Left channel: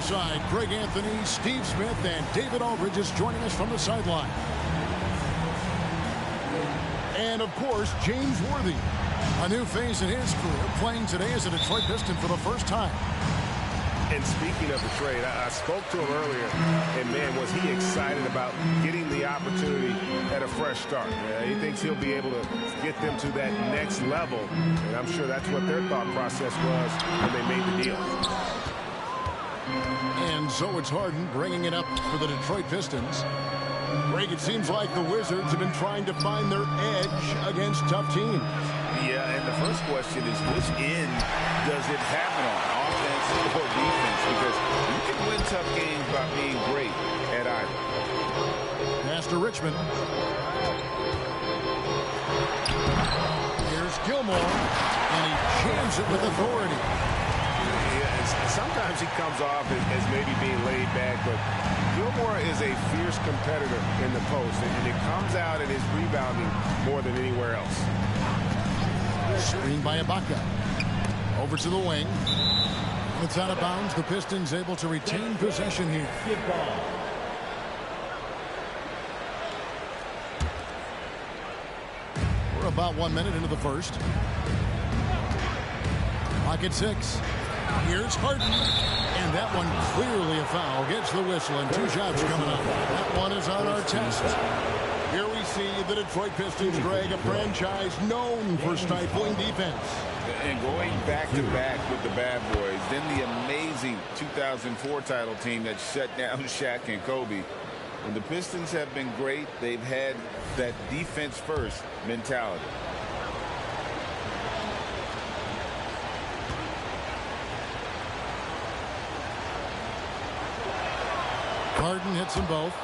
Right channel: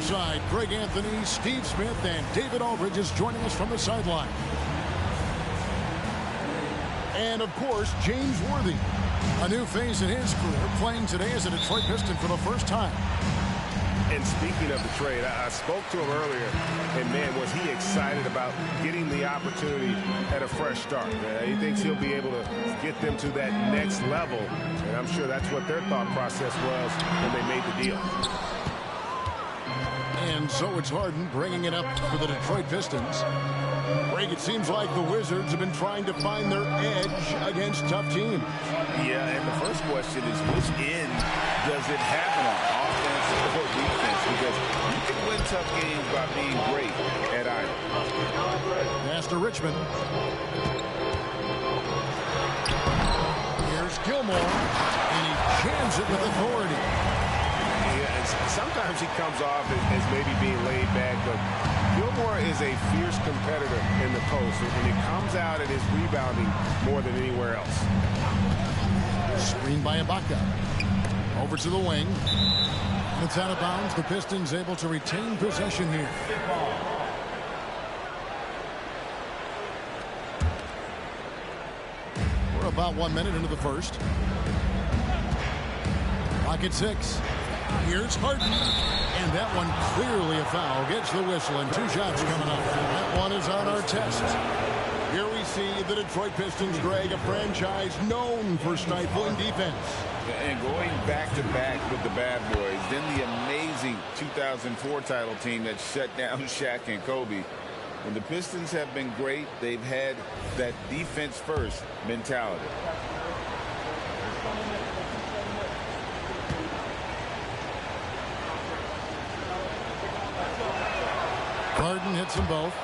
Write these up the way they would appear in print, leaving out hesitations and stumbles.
Side, Greg Anthony, Steve Smith, and David Aldridge is joining us from the sideline. And, of course, James Worthy, a new phase in his career, playing today as a Detroit Piston for the first time. And speaking of the trade, I spoke to him earlier, and, man, was he excited about getting the opportunity at a fresh start. He thinks he'll be able to get them to that next level, and I'm sure that's what their thought process was when they made the deal. And so it's Harden bringing it up for the Detroit Pistons. Greg, it seems like the Wizards have been trying to find their edge against tough teams. Yeah, and the first question is, which end does it happen on, offense or defense? Because you can win tough games by being great at either. Pass to Richmond. Here's Gilmore, and he jams it with authority. Yeah, sometimes he comes off as maybe being laid back, but Gilmore is a fierce competitor in the post, and it comes out in his rebounding more than anywhere else. Screen by Ibaka. Over to the wing. It's out of bounds. The Pistons able to retain possession here. We're about 1 minute into the first. Clock at 6. Here's Harden. And that one clearly a foul. Gets the whistle, and 2 shots coming up. That one is on our test. Here we see the Detroit Pistons, Greg, a franchise known for stifling defense. And going back-to-back with the bad boys, then the amazing 2004 title team that shut down Shaq and Kobe. When the Pistons have been great, they've had that defense-first mentality. Harden hits them both.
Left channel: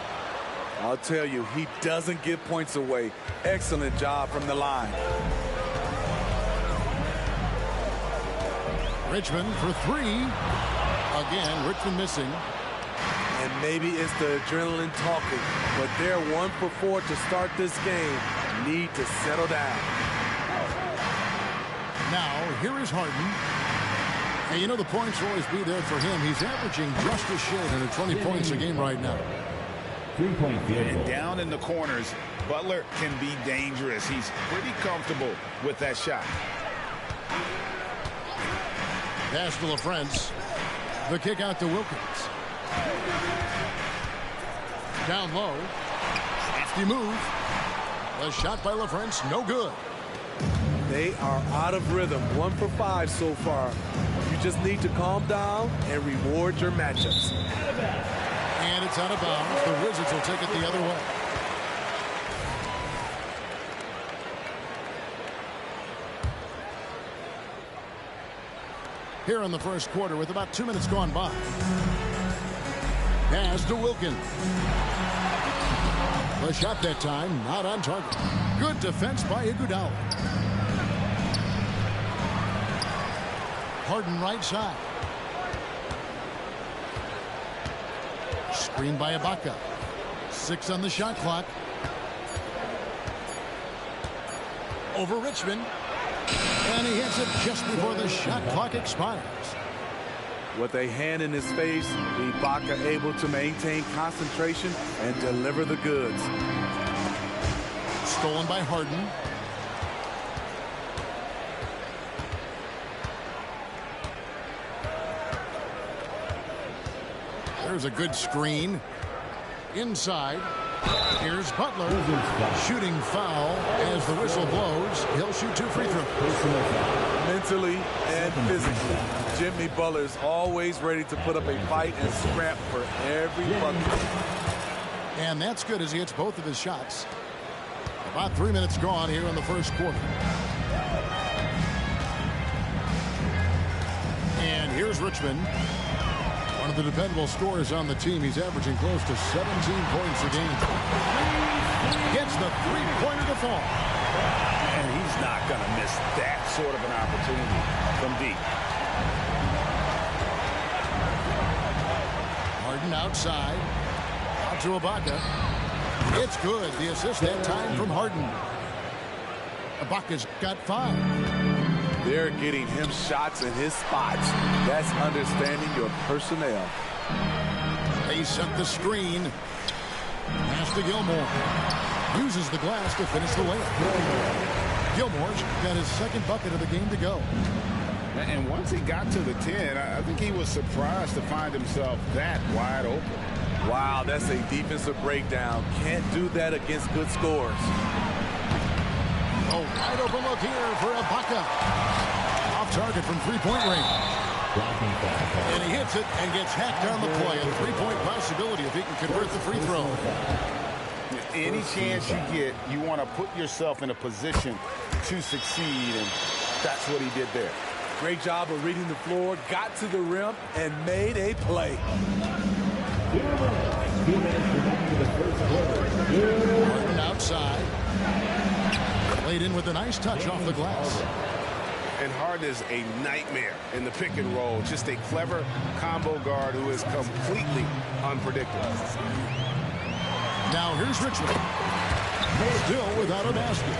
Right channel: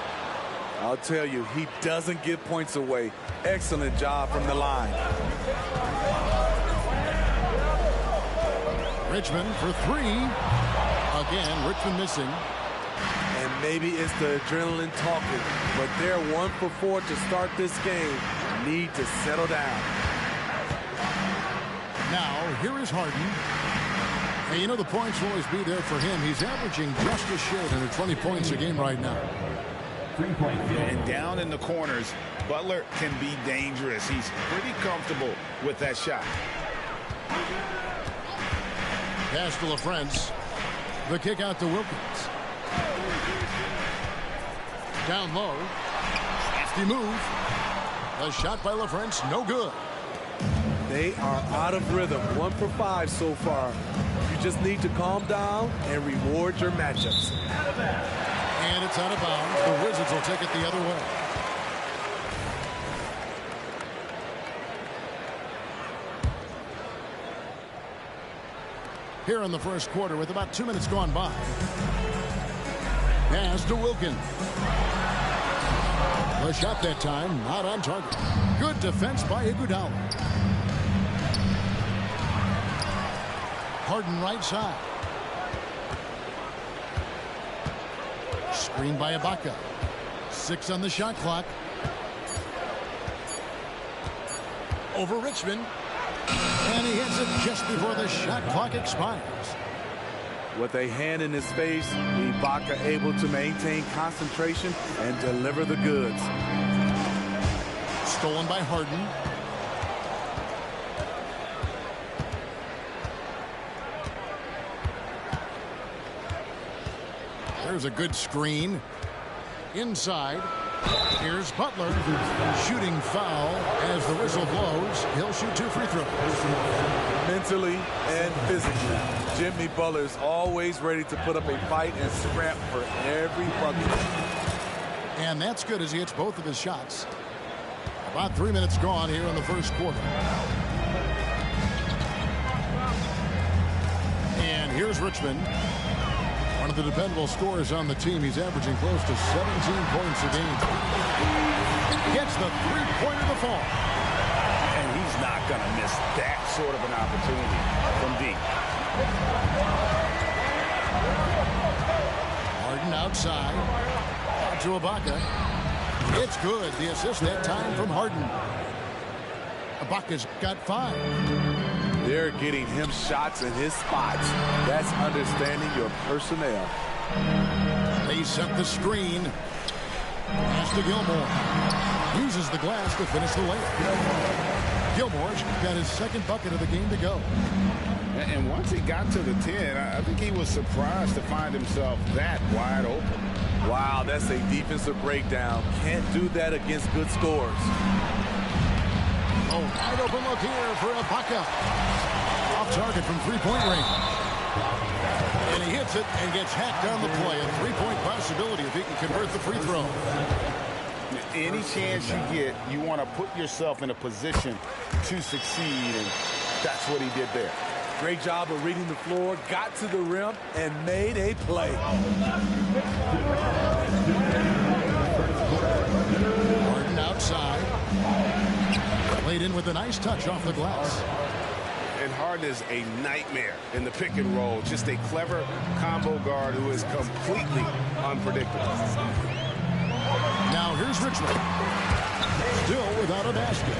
I'll tell you, he doesn't give points away. Excellent job from the line. Richmond for 3. Again, Richmond missing. And maybe it's the adrenaline talking, but they're 1 for 4 to start this game. Need to settle down. Now, here is Harden. And you know the points will always be there for him. He's averaging just a shade under 20 points a game right now. And down in the corners, Butler can be dangerous. He's pretty comfortable with that shot. Pass to LaFrance. The kick out to Wilkins. Down low. Crafty move. The shot by LaFrance, no good. They are out of rhythm. 1 for 5 so far. You just need to calm down and reward your matchups. And it's out of bounds. The Wizards will take it the other way. Here in the first quarter with about 2 minutes gone by. Pass to Wilkins. The shot that time, not on target. Good defense by Iguodala. Harden right side. Screen by Ibaka. 6 on the shot clock. Over Richmond. And he hits it just before the shot clock expires. With a hand in his face, Ibaka able to maintain concentration and deliver the goods. Stolen by Harden. There's a good screen. Inside. Here's Butler. Shooting foul as the whistle blows. He'll shoot 2 free throws. Mentally and physically, Jimmy Butler is always ready to put up a fight and scrap for every bucket. And that's good as he hits both of his shots. About 3 minutes gone here in the first quarter. And here's Richmond. One of the dependable scorers on the team. He's averaging close to 17 points a game. Gets the three-pointer to fall. And he's not going to miss that sort of an opportunity from deep. Harden outside. Out to Ibaka. It's good. The assist that time from Harden. Ibaka's got 5. They're getting him shots in his spots. That's understanding your personnel. They set the screen. Pass to Gilmore. Uses the glass to finish the layup. Gilmore's got his second bucket of the game to go. And once he got to the 10, I think he was surprised to find himself that wide open. Wow, that's a defensive breakdown. Can't do that against good scores. A wide open look here for Ibaka. Off target from three-point range. And he hits it and gets hacked on the play. A three-point possibility if he can convert the free throw. Any chance you get, you want to put yourself in a position to succeed, and that's what he did there. Great job of reading the floor, got to the rim, and made a play. Harden outside. Played in with a nice touch off the glass. And Harden is a nightmare in the pick and roll. Just a clever combo guard who is completely unpredictable. Now here's Richmond. Still without a basket.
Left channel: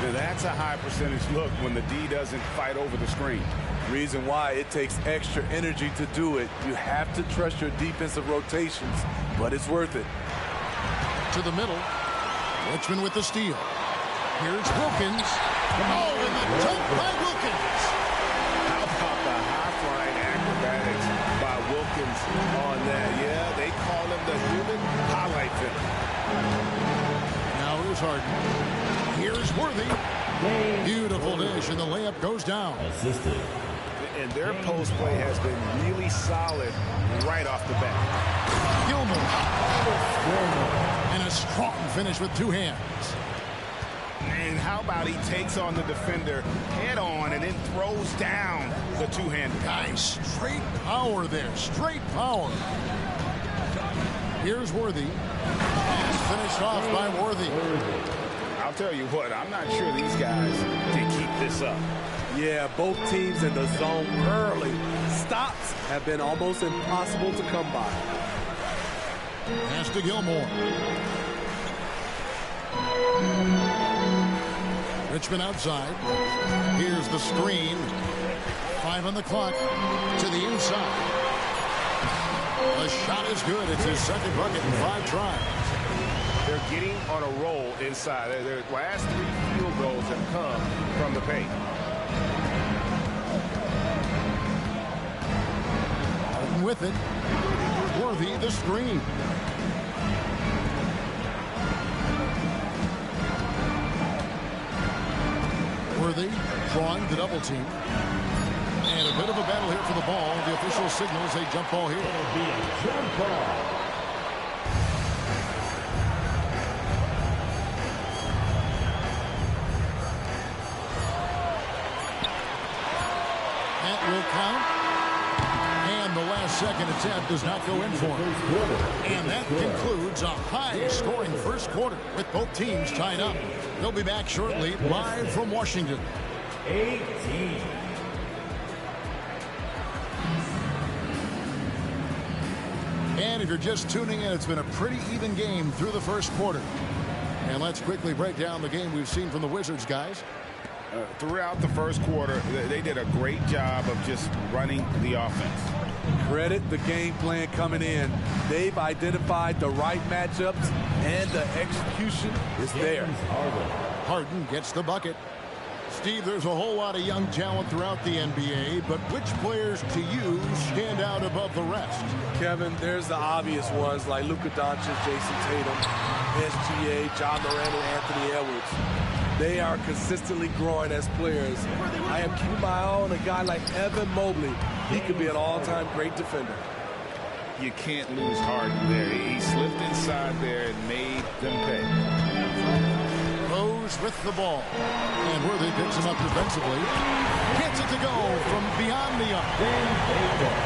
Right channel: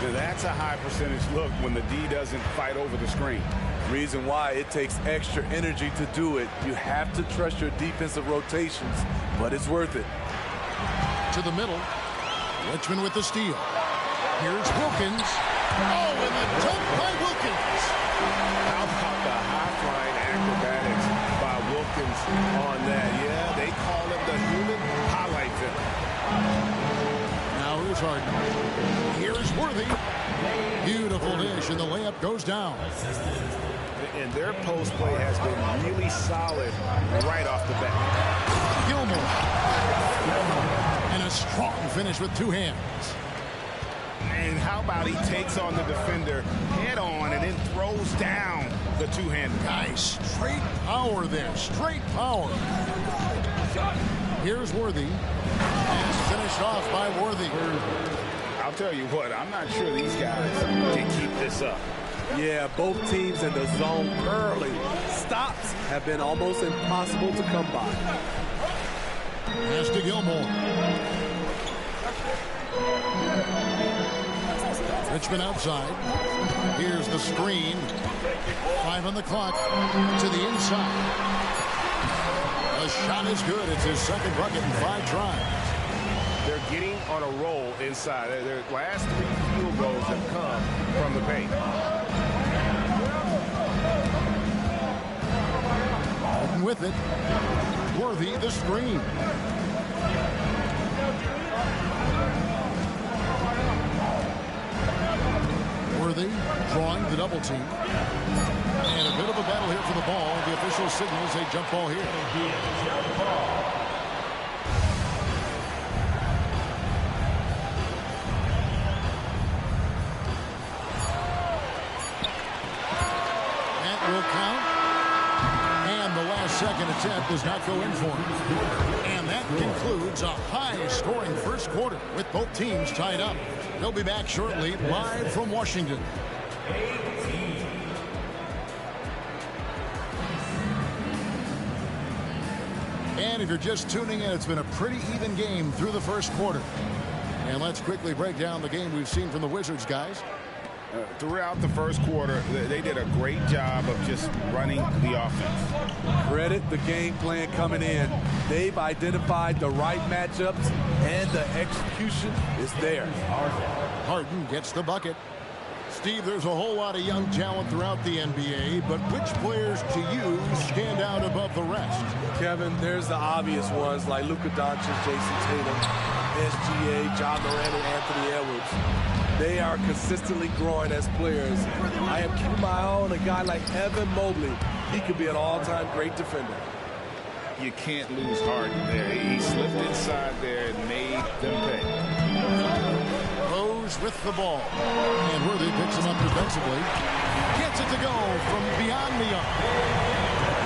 Now that's a high percentage look when the D doesn't fight over the screen. Reason why it takes extra energy to do it. You have to trust your defensive rotations, but it's worth it. To the middle. Richmond with the steal. Here's Wilkins. Oh, and the dunk by Wilkins. How about the high-flying acrobatics by Wilkins on that? Yeah, they call him the human highlight film. Now here's Harden. Here's Worthy. Beautiful dish, and the layup goes down. And their post play has been really solid right off the bat. Gilmore. And a strong finish with two hands. And how about he takes on the defender head on and then throws down the two-hander. Nice straight power there. Straight power. Here's Worthy. And finished off by Worthy. I'll tell you what, I'm not sure these guys can keep this up. Yeah, both teams in the zone early. Stops have been almost impossible to come by. Pass to Gilmore. Richmond outside. Here's the screen. 5 on the clock. To the inside. The shot is good. It's his second bucket in 5 tries. They're getting on a roll inside. Their last 3 field goals have come from the paint. Harden with it. Worthy the screen. Worthy drawing the double team. And a bit of a battle here for the ball. The official signals a jump ball here. That will count. And the last second attempt does not go in for him. And that concludes a high-scoring first quarter with both teams tied up. They'll be back shortly, live from Washington. 18. And if you're just tuning in, it's been a pretty even game through the first quarter. And let's quickly break down the game we've seen from the Wizards, guys. Throughout the first quarter, they did a great job of just running the offense. Credit the game plan coming in. They've identified the right matchups, and the execution is there. Harden gets the bucket. Steve, there's a whole lot of young talent throughout the NBA, but which players to you stand out above the rest? Kevin, there's the obvious ones like Luka Doncic, Jason Tatum, SGA, John Moran, and Anthony Edwards. They are consistently growing as players. I am keeping my eye on a guy like Evan Mobley. He could be an all-time great defender. You can't lose Harden there. He slipped inside there and made them pay. Rose with the ball. And Worthy picks him up defensively. Gets it to go from beyond the arc.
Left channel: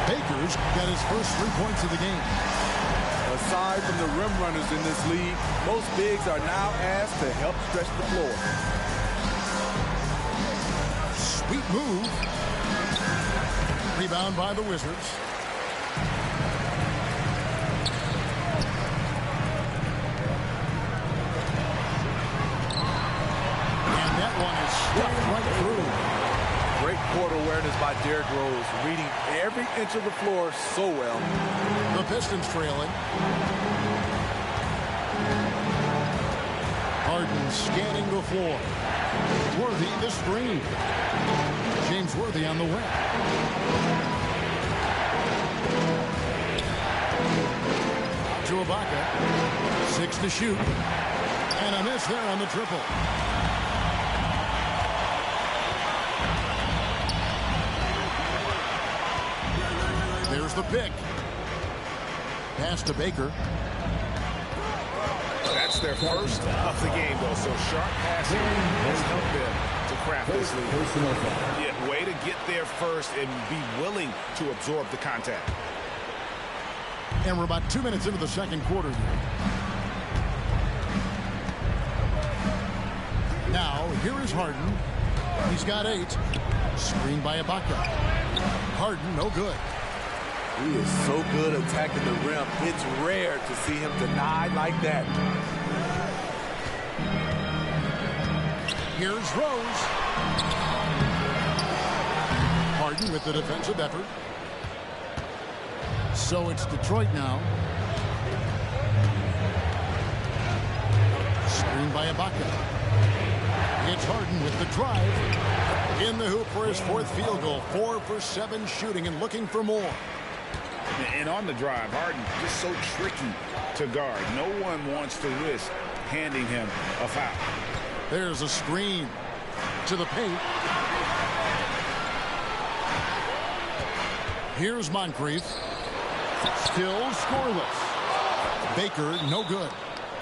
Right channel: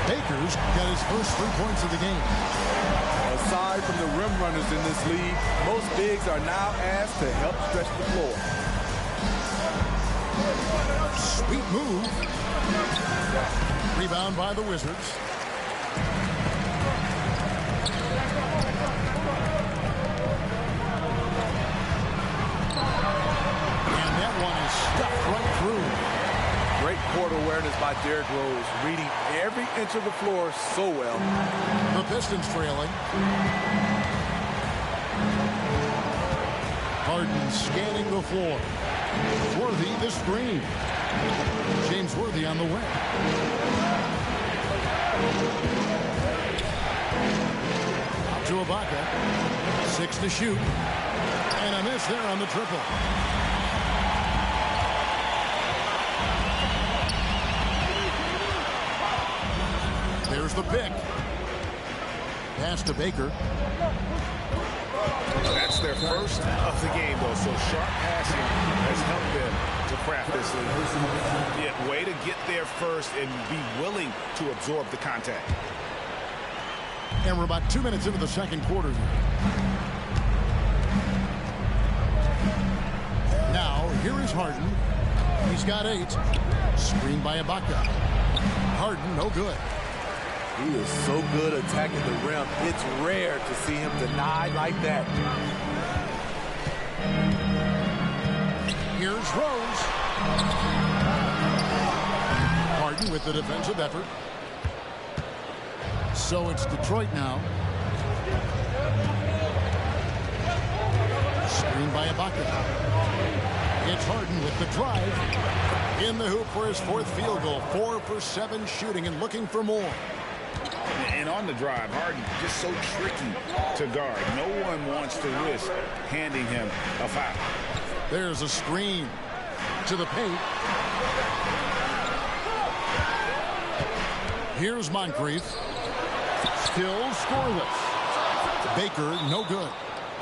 Baker's got his first 3 points of the game. Aside from the rim runners in this league, most bigs are now asked to help stretch the floor. Sweet move. Rebound by the Wizards. And that one is stuffed right through. Great court awareness by Derrick Rose, reading every inch of the floor so well. The Pistons trailing. Harden scanning the floor. Worthy the screen. James Worthy on the wing. Out to Ibaka. 6 to shoot. And a miss there on the triple. There's the pick. Pass to Baker. That's their first of the game, though, so sharp passing has helped them to craft this lead. Yeah, way to get there first and be willing to absorb the contact. And we're about 2 minutes into the second quarter here. Now, here is Harden. He's got 8. Screened by Ibaka. Harden, no good. He is so good attacking the rim. It's rare to see him denied like that. Here's Rose. Harden with the defensive effort. So it's Detroit now. Screened by Ibaka. It's Harden with the drive. In the hoop for his 4th field goal. 4 for 7 shooting and looking for more. And on the drive, Harden just so tricky to guard. No one wants to risk handing him a foul. There's a screen to the paint. Here's Moncrief. Still scoreless. Baker, no good.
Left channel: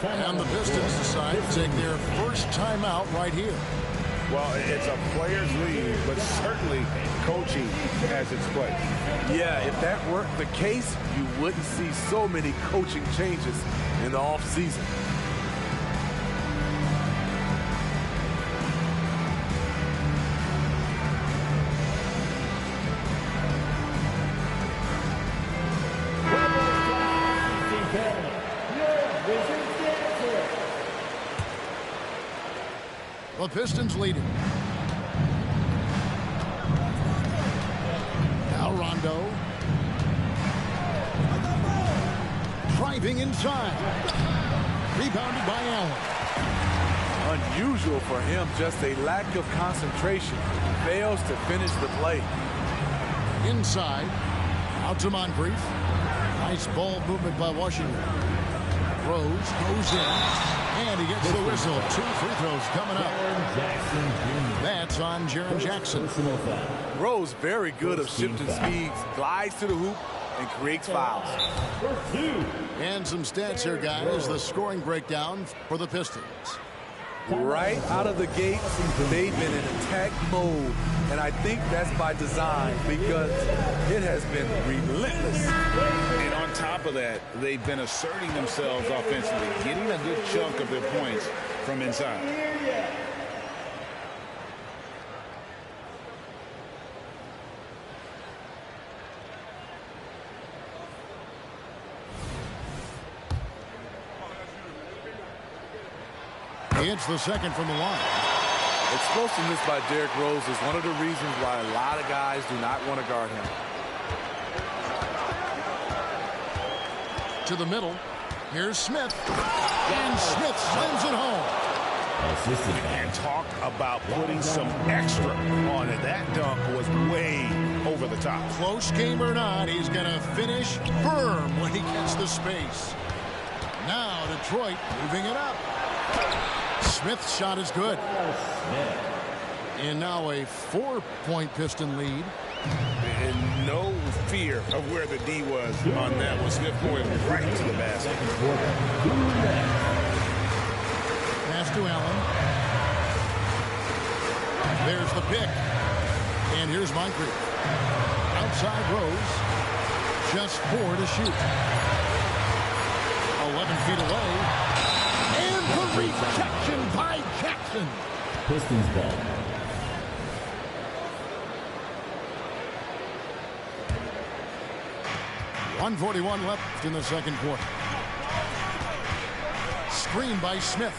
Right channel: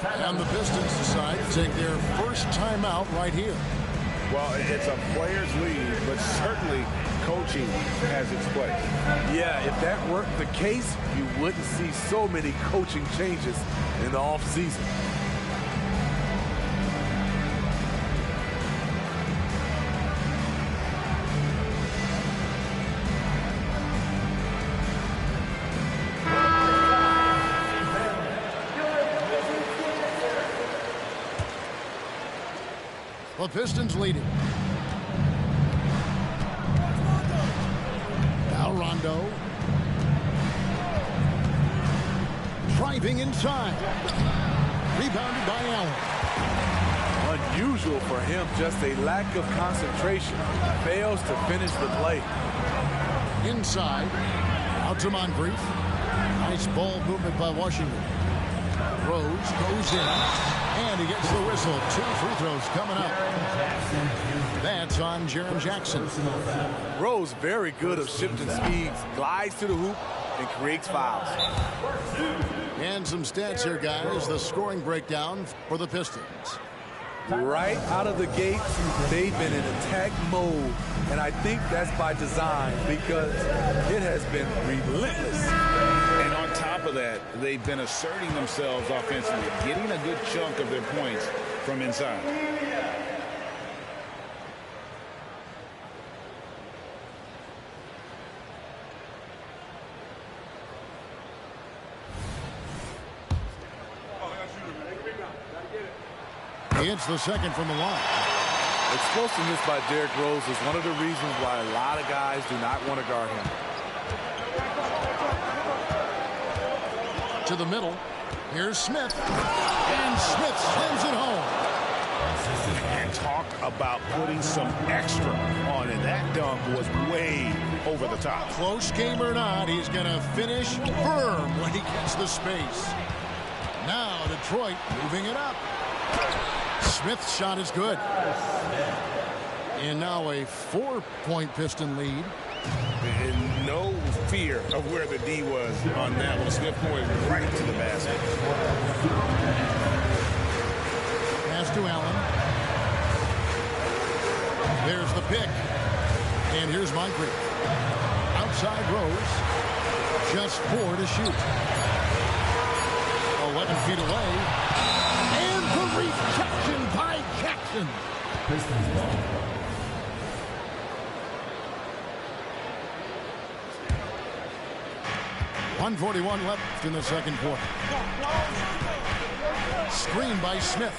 And the Pistons decide to take their first timeout right here. Well, it's a player's lead, but certainly coaching has its place. Yeah, if that weren't the case, you wouldn't see so many coaching changes in the offseason. The Pistons leading. Now Rondo. Driving inside. Rebounded by Allen. Unusual for him, just a lack of concentration. Fails to finish the play. Inside. Out to Moncrief. Nice ball movement by Washington. Rose goes in. And he gets the whistle. 2 free throws coming up. That's on Jaren Jackson. Rose very good of shifting speeds, glides to the hoop, and creates fouls. And some stats here, guys. The scoring breakdown for the Pistons. Right out of the gate, they've been in attack mode. And I think that's by design because it has been relentless. And on top of that, they've been asserting themselves offensively, getting a good chunk of their points from inside. It's the second from the line. Explosiveness by Derrick Rose is one of the reasons why a lot of guys do not want to guard him. To the middle. Here's Smith. And Smith slams it home. And talk about putting some extra on it. That dunk was way over the top. Close game or not, he's going to finish firm when he gets the space. Now Detroit moving it up. Smith's shot is good. And now a 4-point Piston lead. And no fear of where the D was on that one. Smith going right to the basket. Pass to Allen. There's the pick. And here's Moncrief. Outside Rose. Just 4 to shoot. 11 feet away. And the rejection by Jackson. Pistons ball. .141 left in the second quarter. Screen by Smith.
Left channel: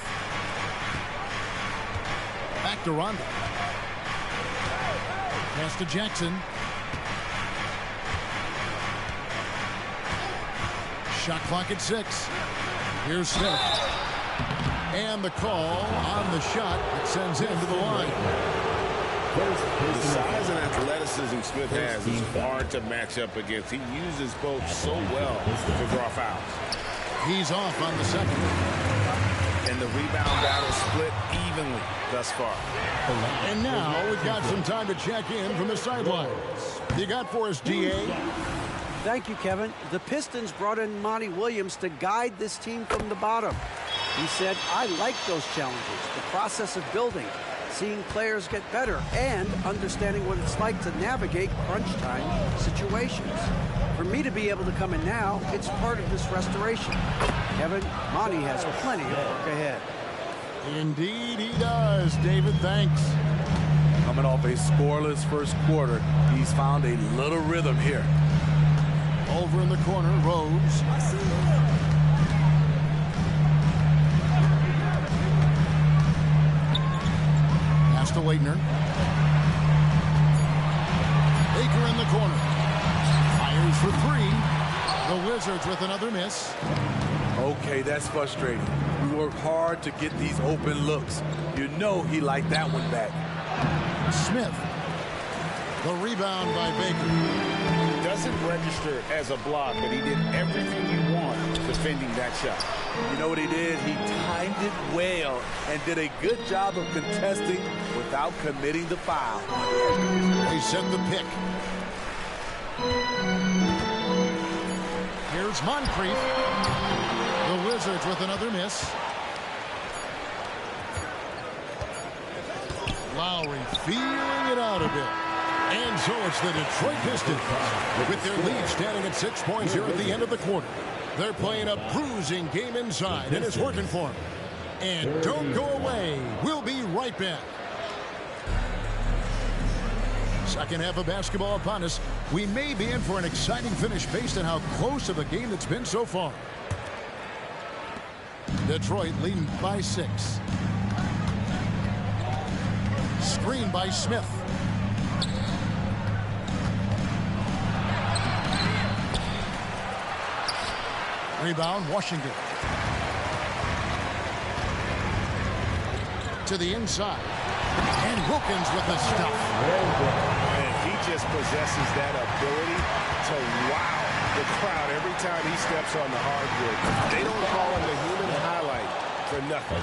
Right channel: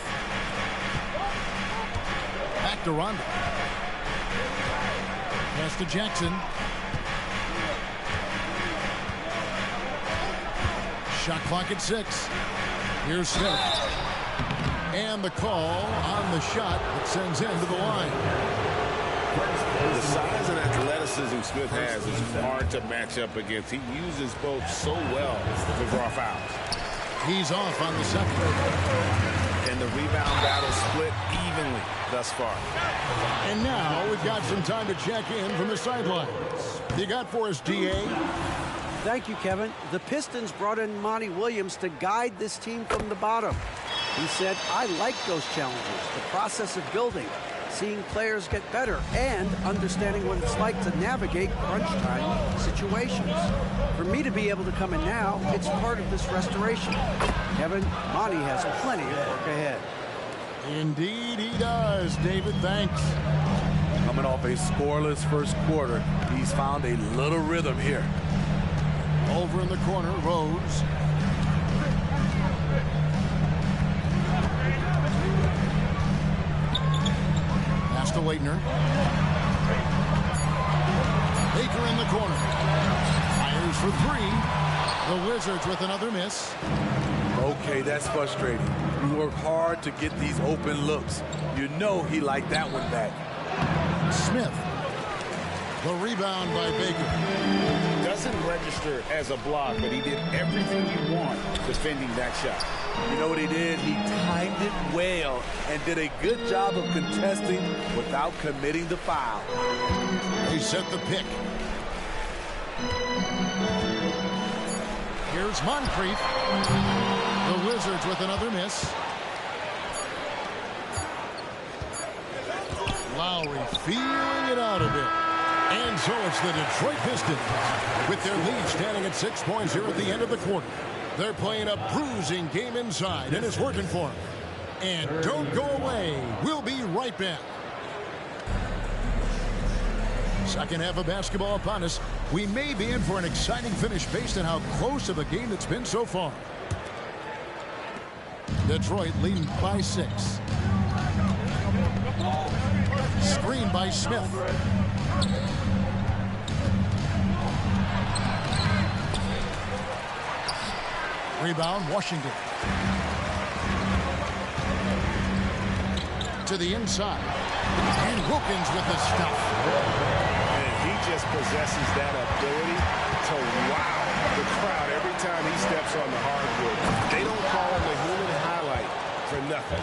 Back to Rondo. Pass to Jackson. Shot clock at 6. Here's Smith. And the call on the shot that sends him to the line. The size and athleticism Smith has is hard to match up against. He uses both so well to draw fouls. He's off on the second. And the rebound battle split evenly thus far. And now we've got some time to check in from the sidelines. You got for us, DA? Thank you, Kevin. The Pistons brought in Monty Williams to guide this team from the bottom. He said, I like those challenges, the process of building, seeing players get better, and understanding what it's like to navigate crunch time situations. For me to be able to come in now, it's part of this restoration. Kevin, Monty has plenty of work ahead. Indeed he does, David. Thanks. Coming off a scoreless first quarter, he's found a little rhythm here. Over in the corner, Rose. Pass to Waitner. Baker in the corner. Fires for 3. The Wizards with another miss. Okay, that's frustrating. We work hard to get these open looks. You know he liked that one back. Smith. The rebound by Baker. Doesn't register as a block, but he did everything you want defending that shot. You know what he did? He timed it well and did a good job of contesting without committing the foul. They set the pick. Here's Moncrief. The Wizards with another miss. Lowry feeling it out a bit. And so it's the Detroit Pistons with their lead standing at 6 points here at the end of the quarter. They're playing a bruising game inside, and it's working for them. And don't go away. We'll be right back. Second half of basketball upon us. We may be in for an exciting finish based on how close of a game it's been so far. Detroit leading by 6. Screen by Smith. Rebound, Washington. To the inside. And Wilkins with the stuff. And he just possesses that ability to wow the crowd every time he steps on the hardwood. They don't call him the human highlight for nothing.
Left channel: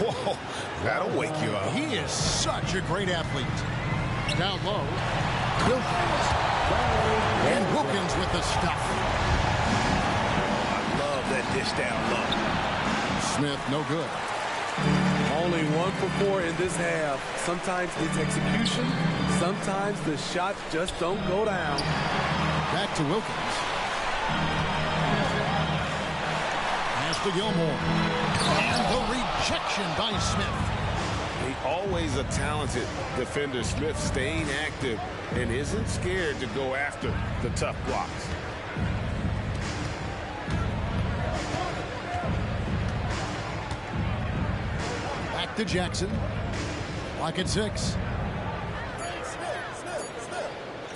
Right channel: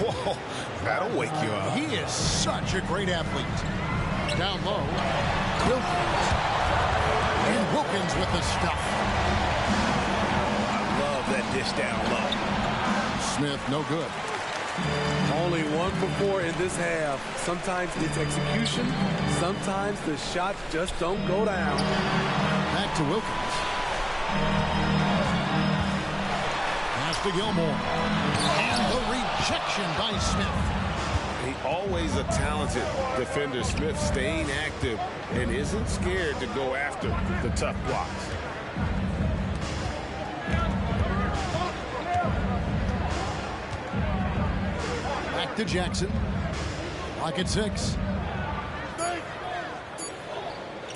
Whoa, that'll wake you up. He is such a great athlete. Down low. Wilkins. And Wilkins with the stuff. Love that dish down low. Smith, no good. Only 1 for 4 in this half. Sometimes it's execution. Sometimes the shots just don't go down. Back to Wilkins. Pass to Gilmore. And the rejection by Smith. He always a talented defender. Smith staying active and isn't scared to go after the tough blocks. Back to Jackson. Clock at 6.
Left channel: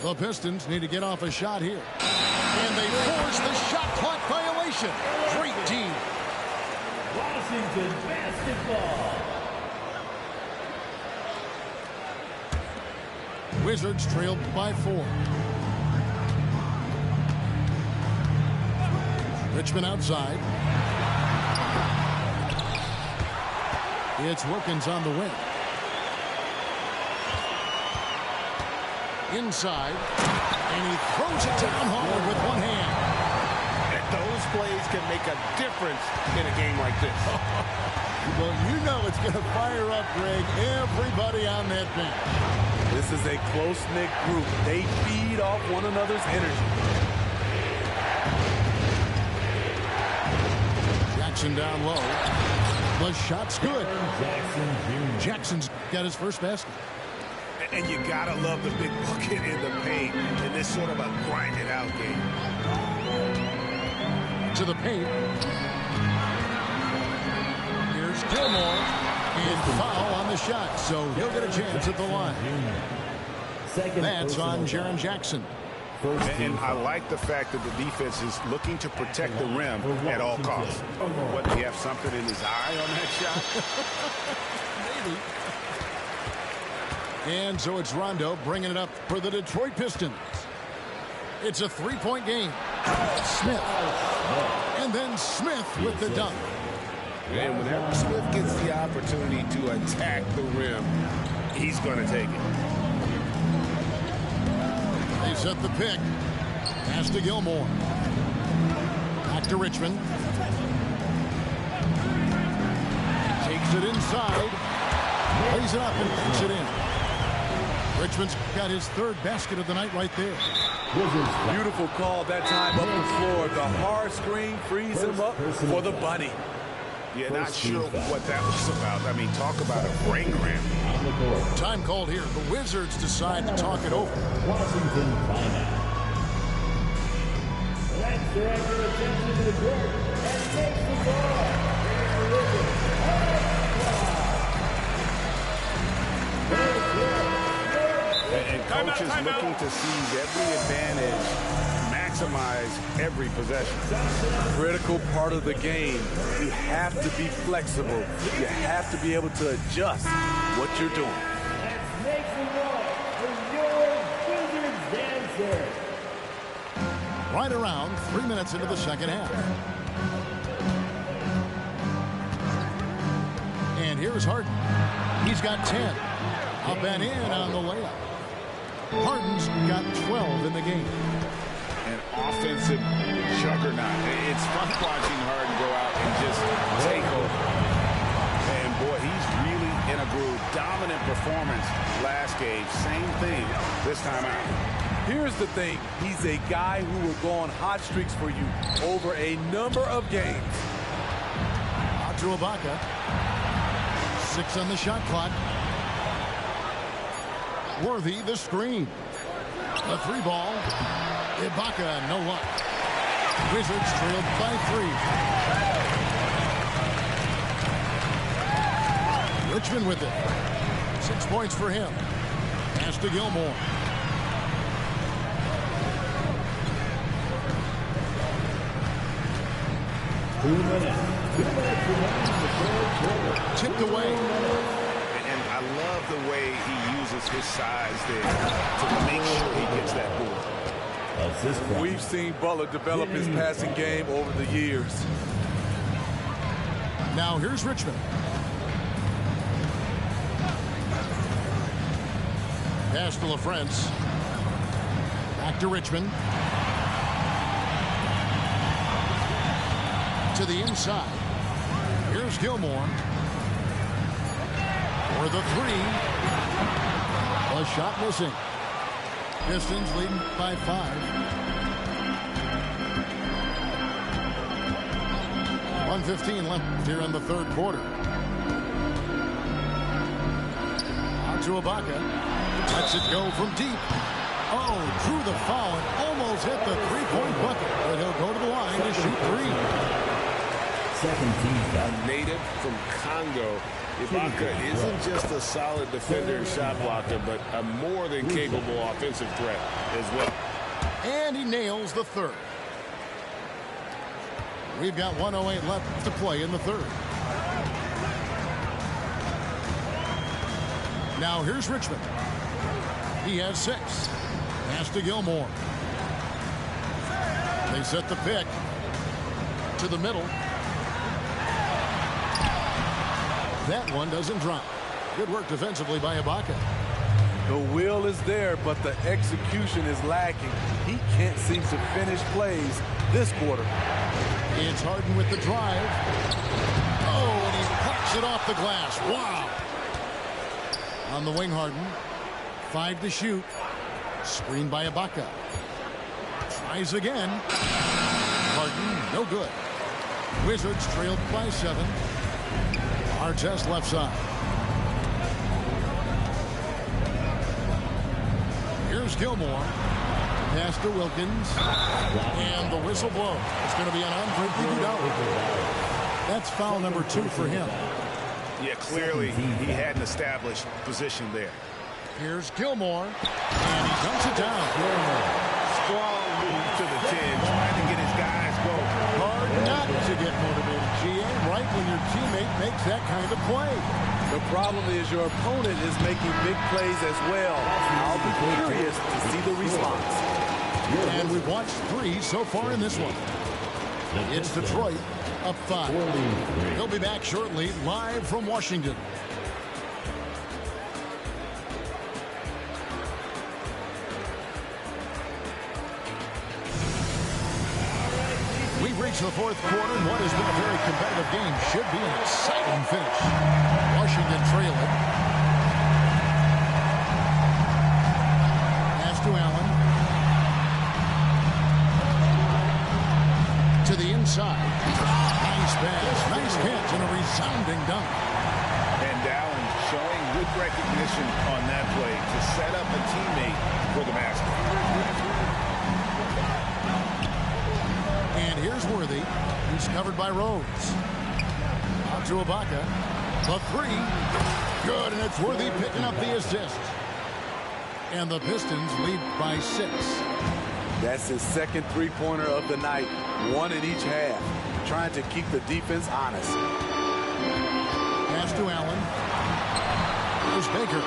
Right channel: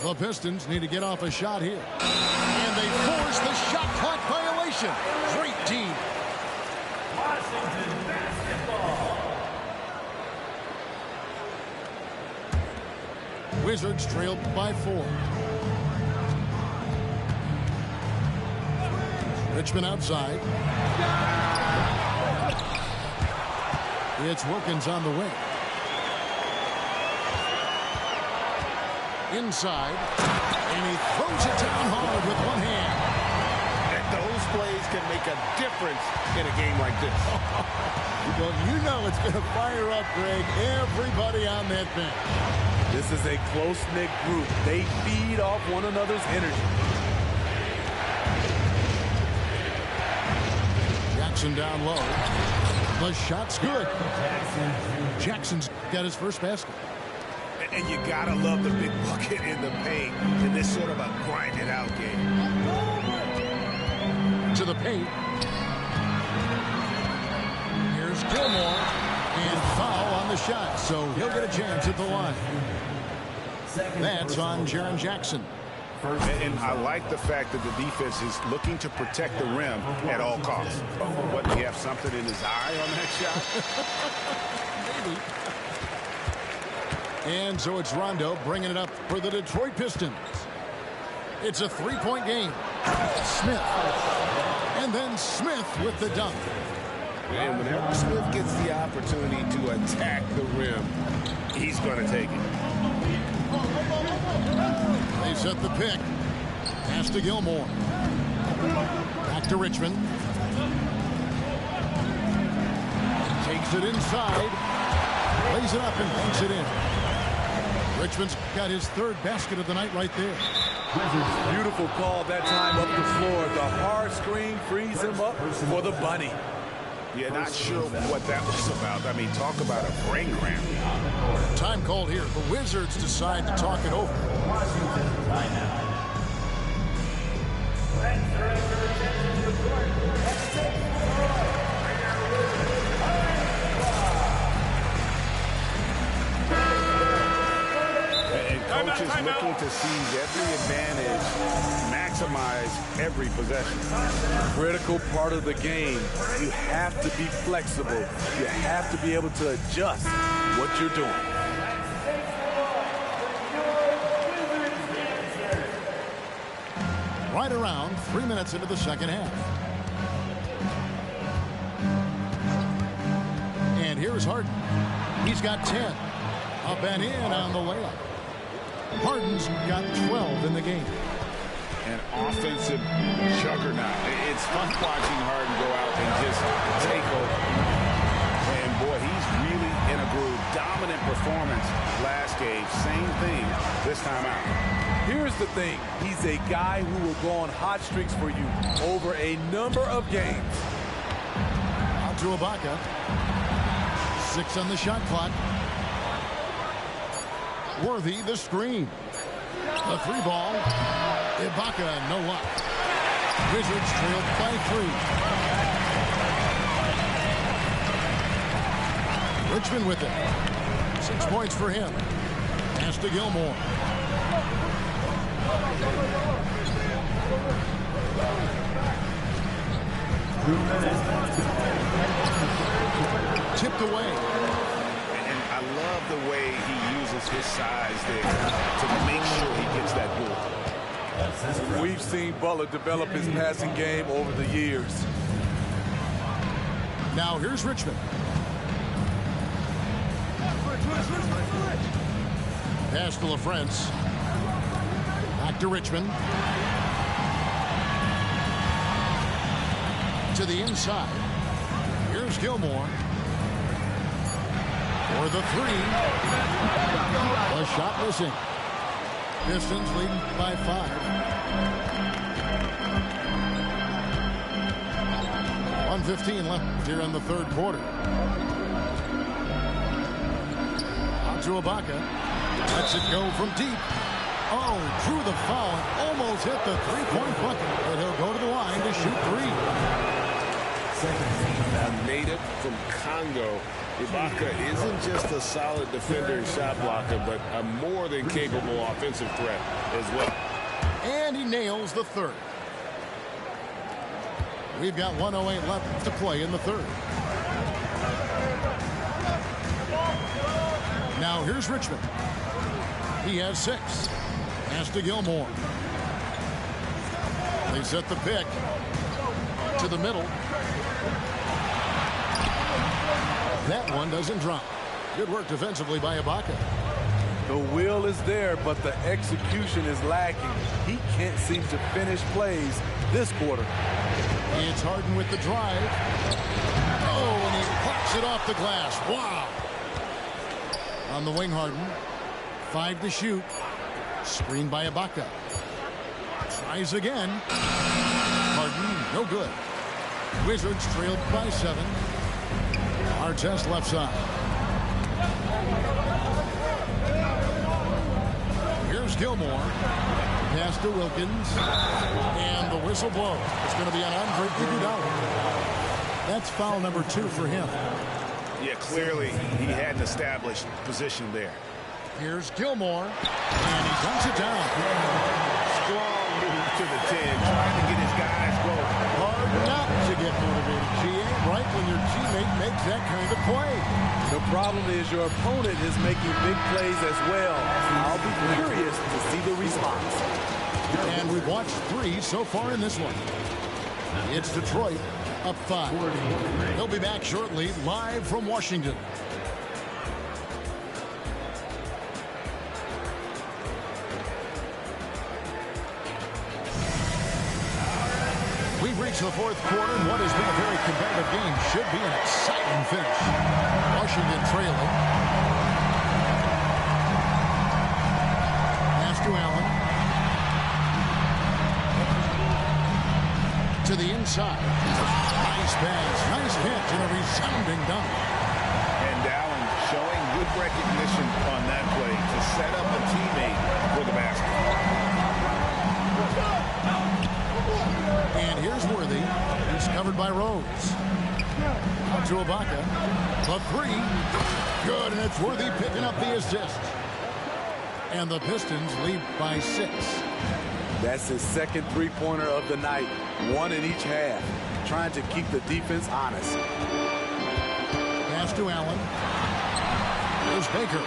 The Pistons need to get off a shot here. And they force the shot clock violation. Great team. Washington basketball. Wizards trailed by 4. Richmond outside. It's Wilkins on the wing. Inside. And he throws it down hard with one hand. Those plays can make a difference in a game like this. Well, you know it's going to fire up, Greg, everybody on that bench. This is a close-knit group. They feed off one another's energy. Jackson down low. The shot's good. Jackson's got his first basket. And you gotta love the big bucket in the paint in this sort of a grinded-out game. To the paint. Here's Gilmore. And foul on the shot, so he'll get a chance at the line. That's on Jaren Jackson. And I like the fact that the defense is looking to protect the rim at all costs. What, do you have something in his eye on that shot? Maybe. And so it's Rondo bringing it up for the Detroit Pistons. It's a three-point game. Smith. And then Smith with the dunk. And whenever Smith gets the opportunity to attack the rim, he's going to take it. They set the pick. Pass to Gilmore. Back to Richmond. Takes it inside. Lays it up and banks it in. Richmond's got his third basket of the night right there. Beautiful call that time up the floor. The hard screen frees him up for the bunny. Yeah, not sure what that was about. I mean, talk about a brain cramp. Time called here. The Wizards decide to talk it over. Washington timeout. Let's direct your attention to the court. Let's take the ball. And coach is looking to seize every advantage, maximize every possession. Critical part of the game. You have to be flexible. You have to be able to adjust what you're doing. Let's make the ball for your Wizards dancer. Right around 3 minutes into the second half. And here's Harden. He's got 10. Up and in on the layup. Harden's got 12 in the game. An offensive juggernaut. It's fun watching Harden go out and just take over. And boy, he's really in a groove. Dominant performance last game. Same thing this time out. Here's the thing. He's a guy who will go on hot streaks for you over a number of games. Out to Ibaka. 6 on the shot clock. Worthy the screen. The three ball. Ibaka, no luck. Wizards trailed by 3. Richmond with it. 6 points for him. Pass to Gilmore. Tipped away. And I love the way he uses his size there to make sure he gets that ball. We've seen Butler develop his passing game over the years. Now here's Richmond. Pass to LaFrance. Back to Richmond. To the inside. Here's Gilmore. For the 3. The shot missing. Pistons leading by 5. 1:15 left here in the third quarter. Out to Ibaka. Lets it go from deep. Oh, drew the foul and almost hit the three-point bucket. But he'll go to the line to shoot 3. A native from Congo, Ibaka isn't just a solid defender and shot blocker, but a more than capable offensive threat as well. And he nails the third. We've got 1:08 left to play in the third. Now here's Richmond. He has 6. Pass to Gilmore. They set the pick to the middle. That one doesn't drop. Good work defensively by Ibaka. The will is there, but the execution is lacking. He can't seem to finish plays this quarter. It's Harden with the drive. Oh, and he plucks it off the glass. Wow. On the wing, Harden. 5 to shoot. Screened by Ibaka. Tries again. Harden, no good. Wizards trailed by 7. Artest left side. Here's Gilmore. Pass to Wilkins. And the whistle blows. It's going to be an Andre Iguodala. That's foul number 2 for him. Yeah, clearly he had an established position there. Here's Gilmore. And he dunks it down. Strong move to the 10, trying to get his guys going. Hard not to get motivated, GA, right when your teammate makes that kind of play. The problem is your opponent is making big plays as well. I'll be curious to see the response. And we've watched 3 so far in this one. It's Detroit up 5. They'll be back shortly, live from Washington. We've reached the 4th quarter, and what has been a very competitive game should be an exciting finish. Washington trailing. Pass to Allen. To the inside. Nice pass, nice catch, and a resounding dunk. And Allen showing good recognition on that play to set up a teammate for the basket. And here's Worthy. He's covered by Rhodes. Out to Ibaka. The 3. Good, and it's Worthy picking up the assist. And the Pistons lead by 6. That's his second three-pointer of the night. 1 in each half. Trying to keep the defense honest. Pass to Allen. Here's Baker.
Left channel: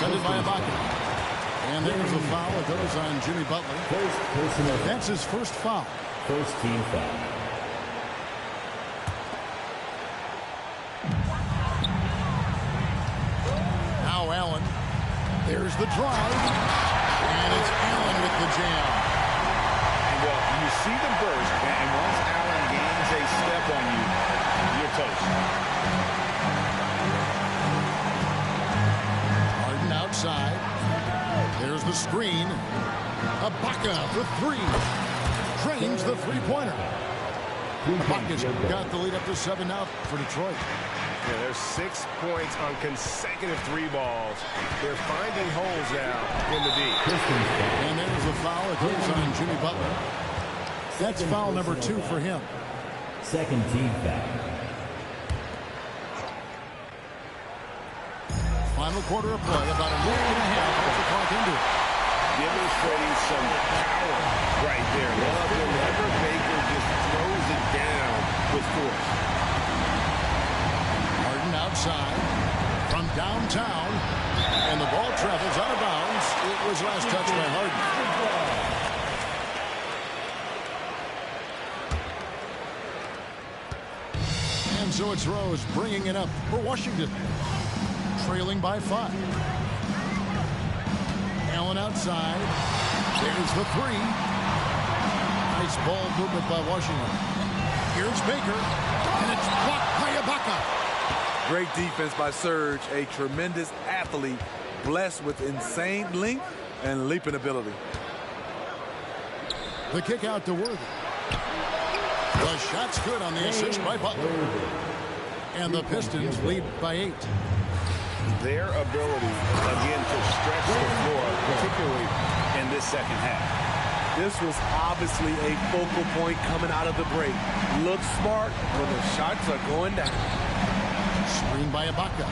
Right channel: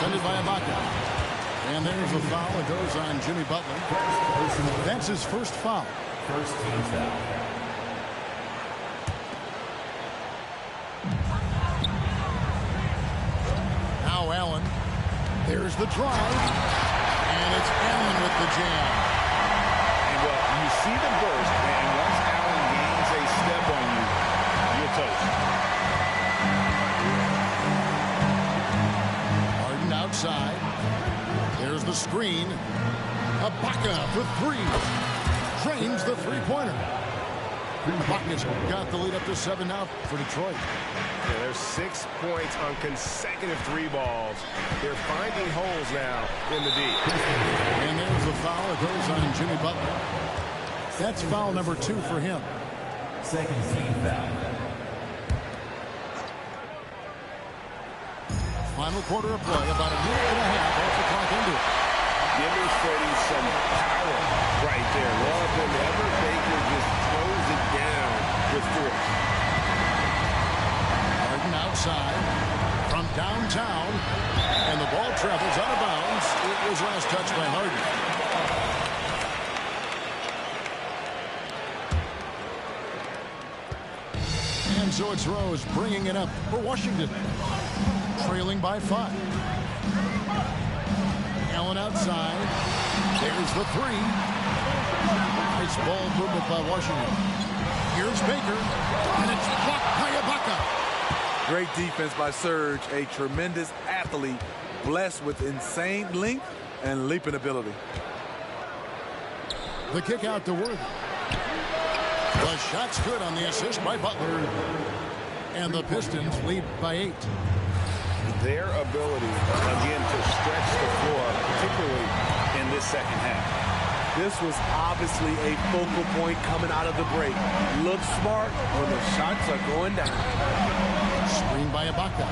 Sent it by Ibaka. And there's a foul. It goes on Jimmy Butler. That's his first foul. First team foul. Now Allen. There's the drive. And it's Allen with the jam. And, well, you see the burst, and once Allen gains a step on you, you're toast. Harden outside. There's the screen. Ibaka for 3. Drains the three-pointer. Ibaka's got the lead up to 7 now for Detroit. Yeah, there's 6 points on consecutive 3 balls. They're finding holes now in the D. And there's a foul. It goes on Jimmy Butler. That's foul number 2 for him. Second team foul. Final quarter of play, about a minute and a half off the clock into it. Demonstrating some power right there. Love whenever Baker just throws it down with force. Harden outside from downtown, and the ball travels out of bounds. It was last touched by Harden. And so it's Rose bringing it up for Washington, trailing by 5. Allen outside. There's the 3. Nice ball movement by Washington. Here's Baker, and it's blocked by Ibaka. Great defense by Serge, a tremendous athlete, blessed with insane length and leaping ability. The kick out to Worthy. The shot's good on the assist by Butler. And the Pistons lead by 8. Their ability, again, to stretch the floor, particularly in this second half. This was obviously a focal point coming out of the break. Look smart when the shots are going down. Screen by Ibaka.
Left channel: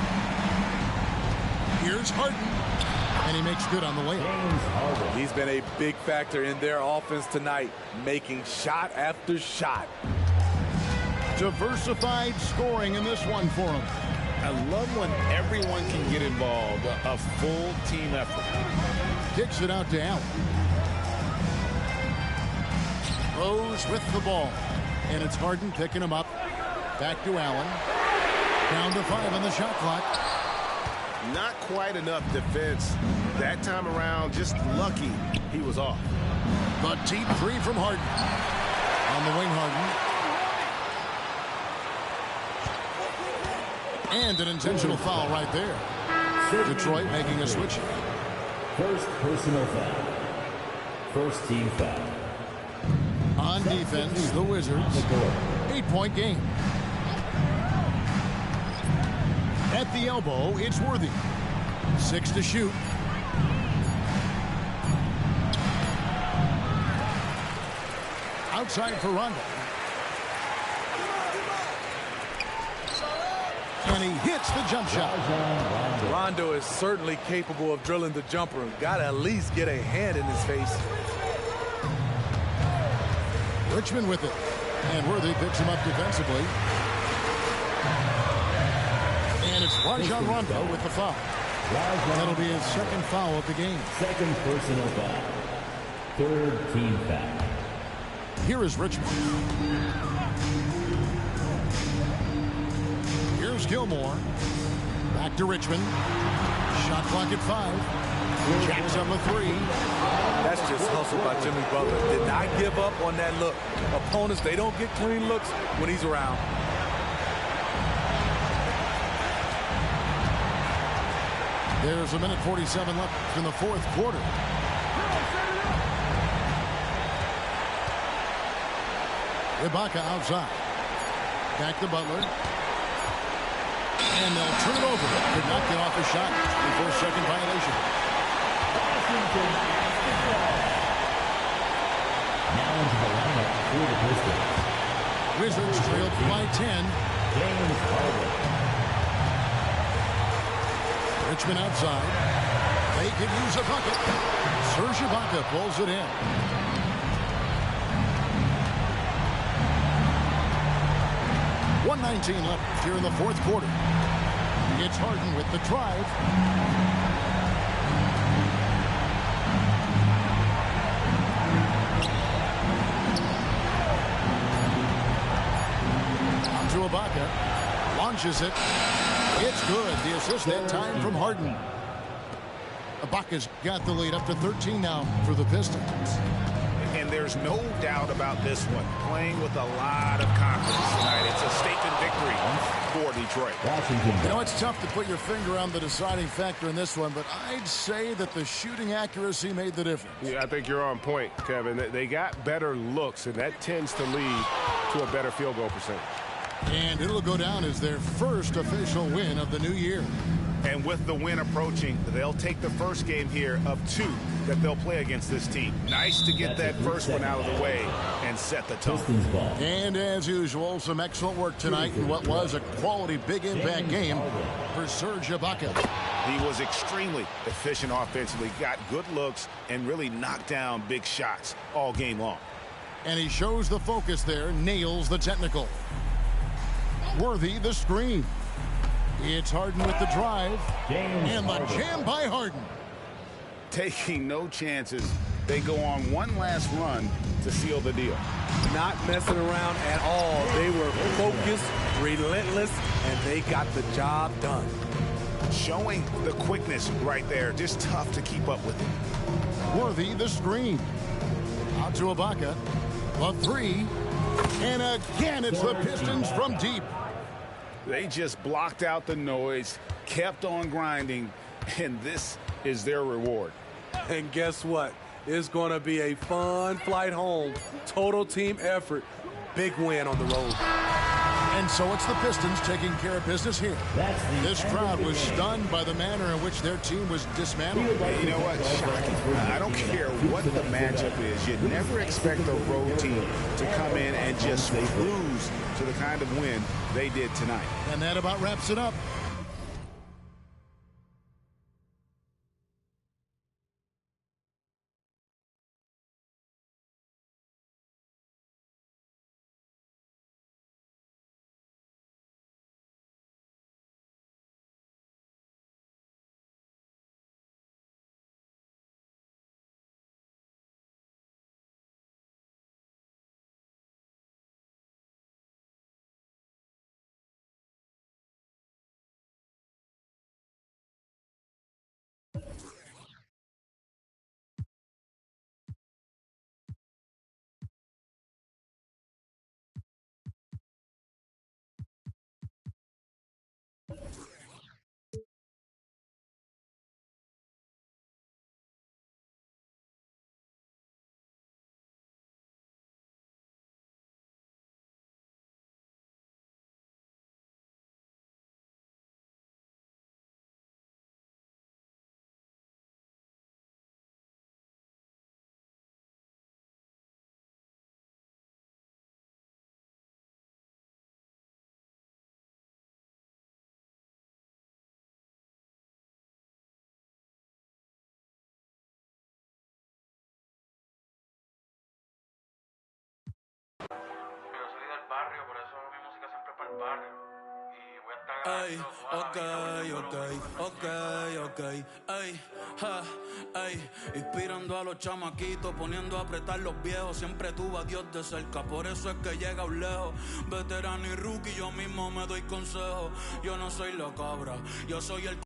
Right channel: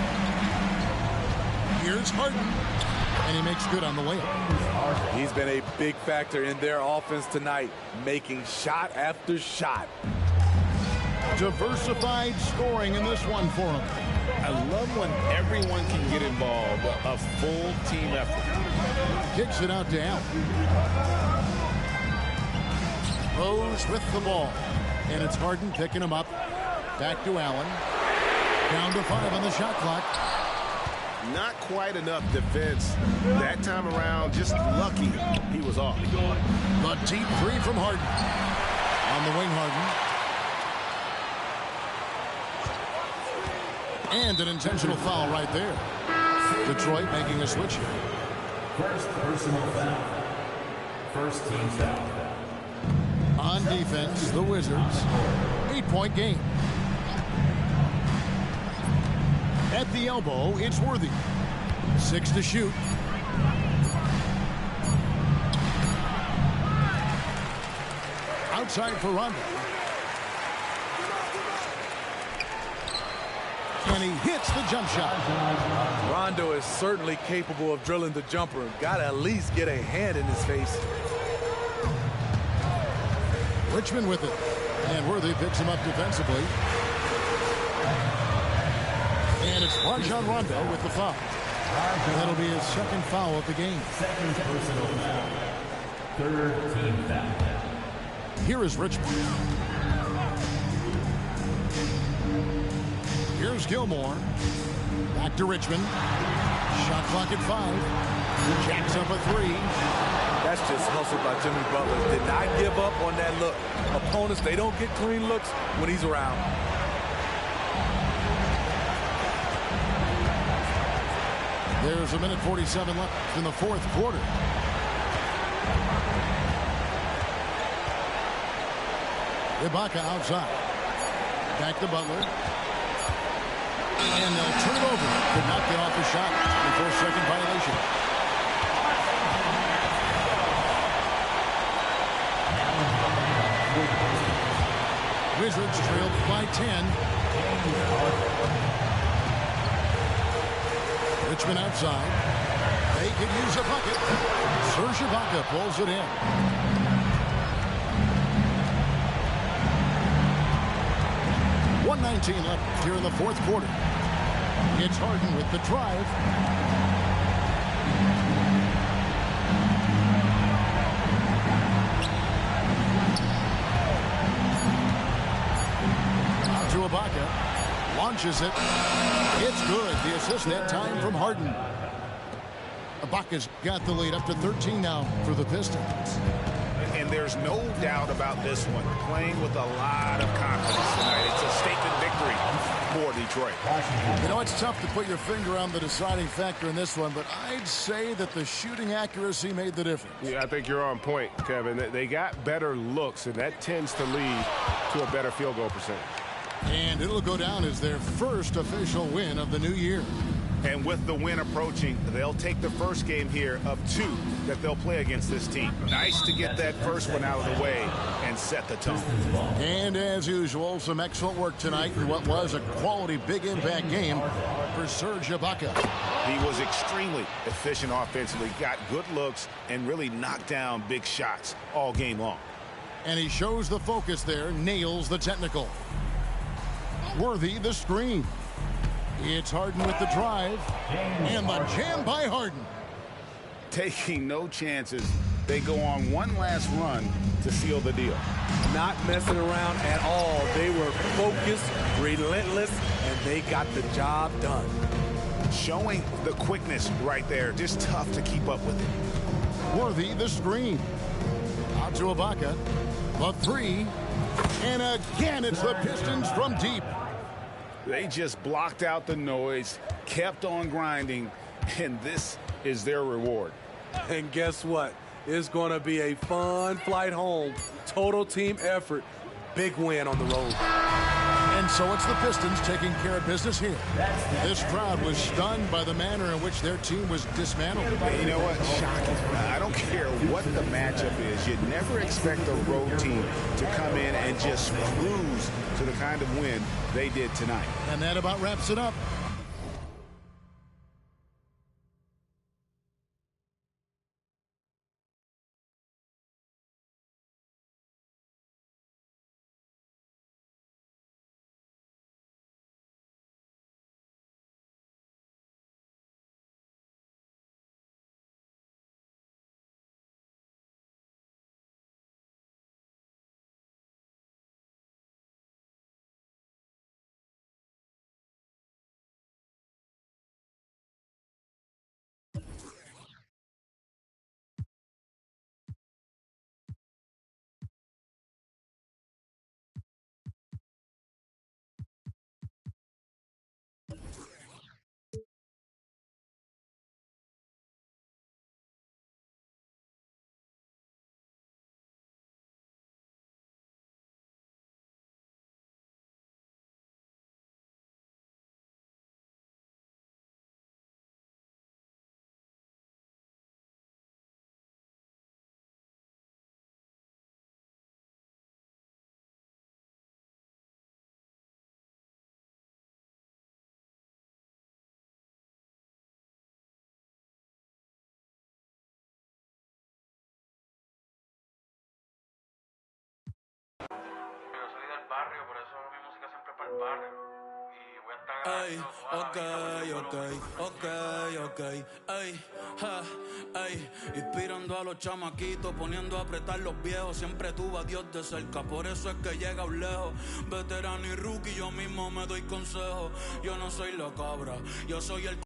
Here's Harden. And he makes good on the layup. He's been a big factor in their offense tonight, making shot after shot. Diversified scoring in this one for him. I love when everyone can get involved, a full team effort. Kicks it out to Allen. Rose with the ball. And it's Harden picking him up. Back to Allen. Down to 5 on the shot clock. Not quite enough defense that time around. Just lucky he was off. The deep 3 from Harden. On the wing, Harden. And an intentional foul right there. Detroit making a switch here. First personal foul. First team foul. On defense, the Wizards. 8-point game. At the elbow, it's Worthy. 6 to shoot. Outside for Rondo. And he hits the jump shot. Rondo is certainly capable of drilling the jumper. Got to at least get a hand in his face. Richmond with it. And Worthy picks him up defensively. And it's Rajon Rondo with the foul. That'll be his second foul of the game. Second personal foul. Third team foul. Here is Richmond. Here's Gilmore. Back to Richmond. Shot clock at 5. Jacks up a 3. That's just hustle by Jimmy Butler. Did not give up on that look. Opponents, they don't get clean looks when he's around. There's 1:47 left in the fourth quarter. Ibaka outside. Back to Butler. And they'll turn it over. Could not get off the shot. 24-second violation. Now into the lineup for the Pistons. Wizards trailed by 10. James Harden. Richmond outside. They could use a bucket. Serge Ibaka pulls it in. .119 left here in the fourth quarter. It's Harden with the drive. Out to Ibaka. Launches it. It's good. The assist that time from Harden. Ibaka's got the lead up to 13 now for the Pistons. And there's no doubt about this one. Playing with a lot of confidence tonight. It's a statement victory for Detroit. You know, it's tough to put your finger on the deciding factor in this one, but I'd say that the shooting accuracy made the difference. Yeah, I think you're on point, Kevin. They got better looks, and that tends to lead to a better field goal percentage. And it'll go down as their first official win of the new year. And with the win approaching, they'll take the first game here of 2 that they'll play against this team. Nice to get that first one out of the way and set the tone. And as usual, some excellent work tonight in what was a quality big impact game for Serge Ibaka. He was extremely efficient offensively, got good looks, and really knocked down big shots all game long. And he shows the focus there, nails the technical. Worthy the screen. It's Harden with the drive. And the jam by Harden. Taking no chances. They go on one last run to seal the deal. Not messing around at all. They were focused, relentless, and they got the job done. Showing the quickness right there. Just tough to keep up with it. Worthy the screen. Out to Ibaka. The 3. And again, it's the Pistons from deep. They just blocked out the noise, kept on grinding, and this is their reward. And guess what? It's going to be a fun flight home. Total team effort. Big win on the road. And so it's the Pistons taking care of business here. This crowd was stunned by the manner in which their team was dismantled. You know what? Shocking. I don't care what the matchup is. You never expect a road team to come in and just cruise to the kind of win they did tonight. And that about wraps it up. el barrio. Y voy a estar Ey, agradecido toda la vida por todo lo que ey, ey, ja, ey, inspirando a los chamaquitos, poniendo a apretar los viejos, siempre tuvo a Dios de cerca, por eso es que llega un lejos, veterano y rookie, yo mismo me doy consejo, yo no soy la cabra, yo soy el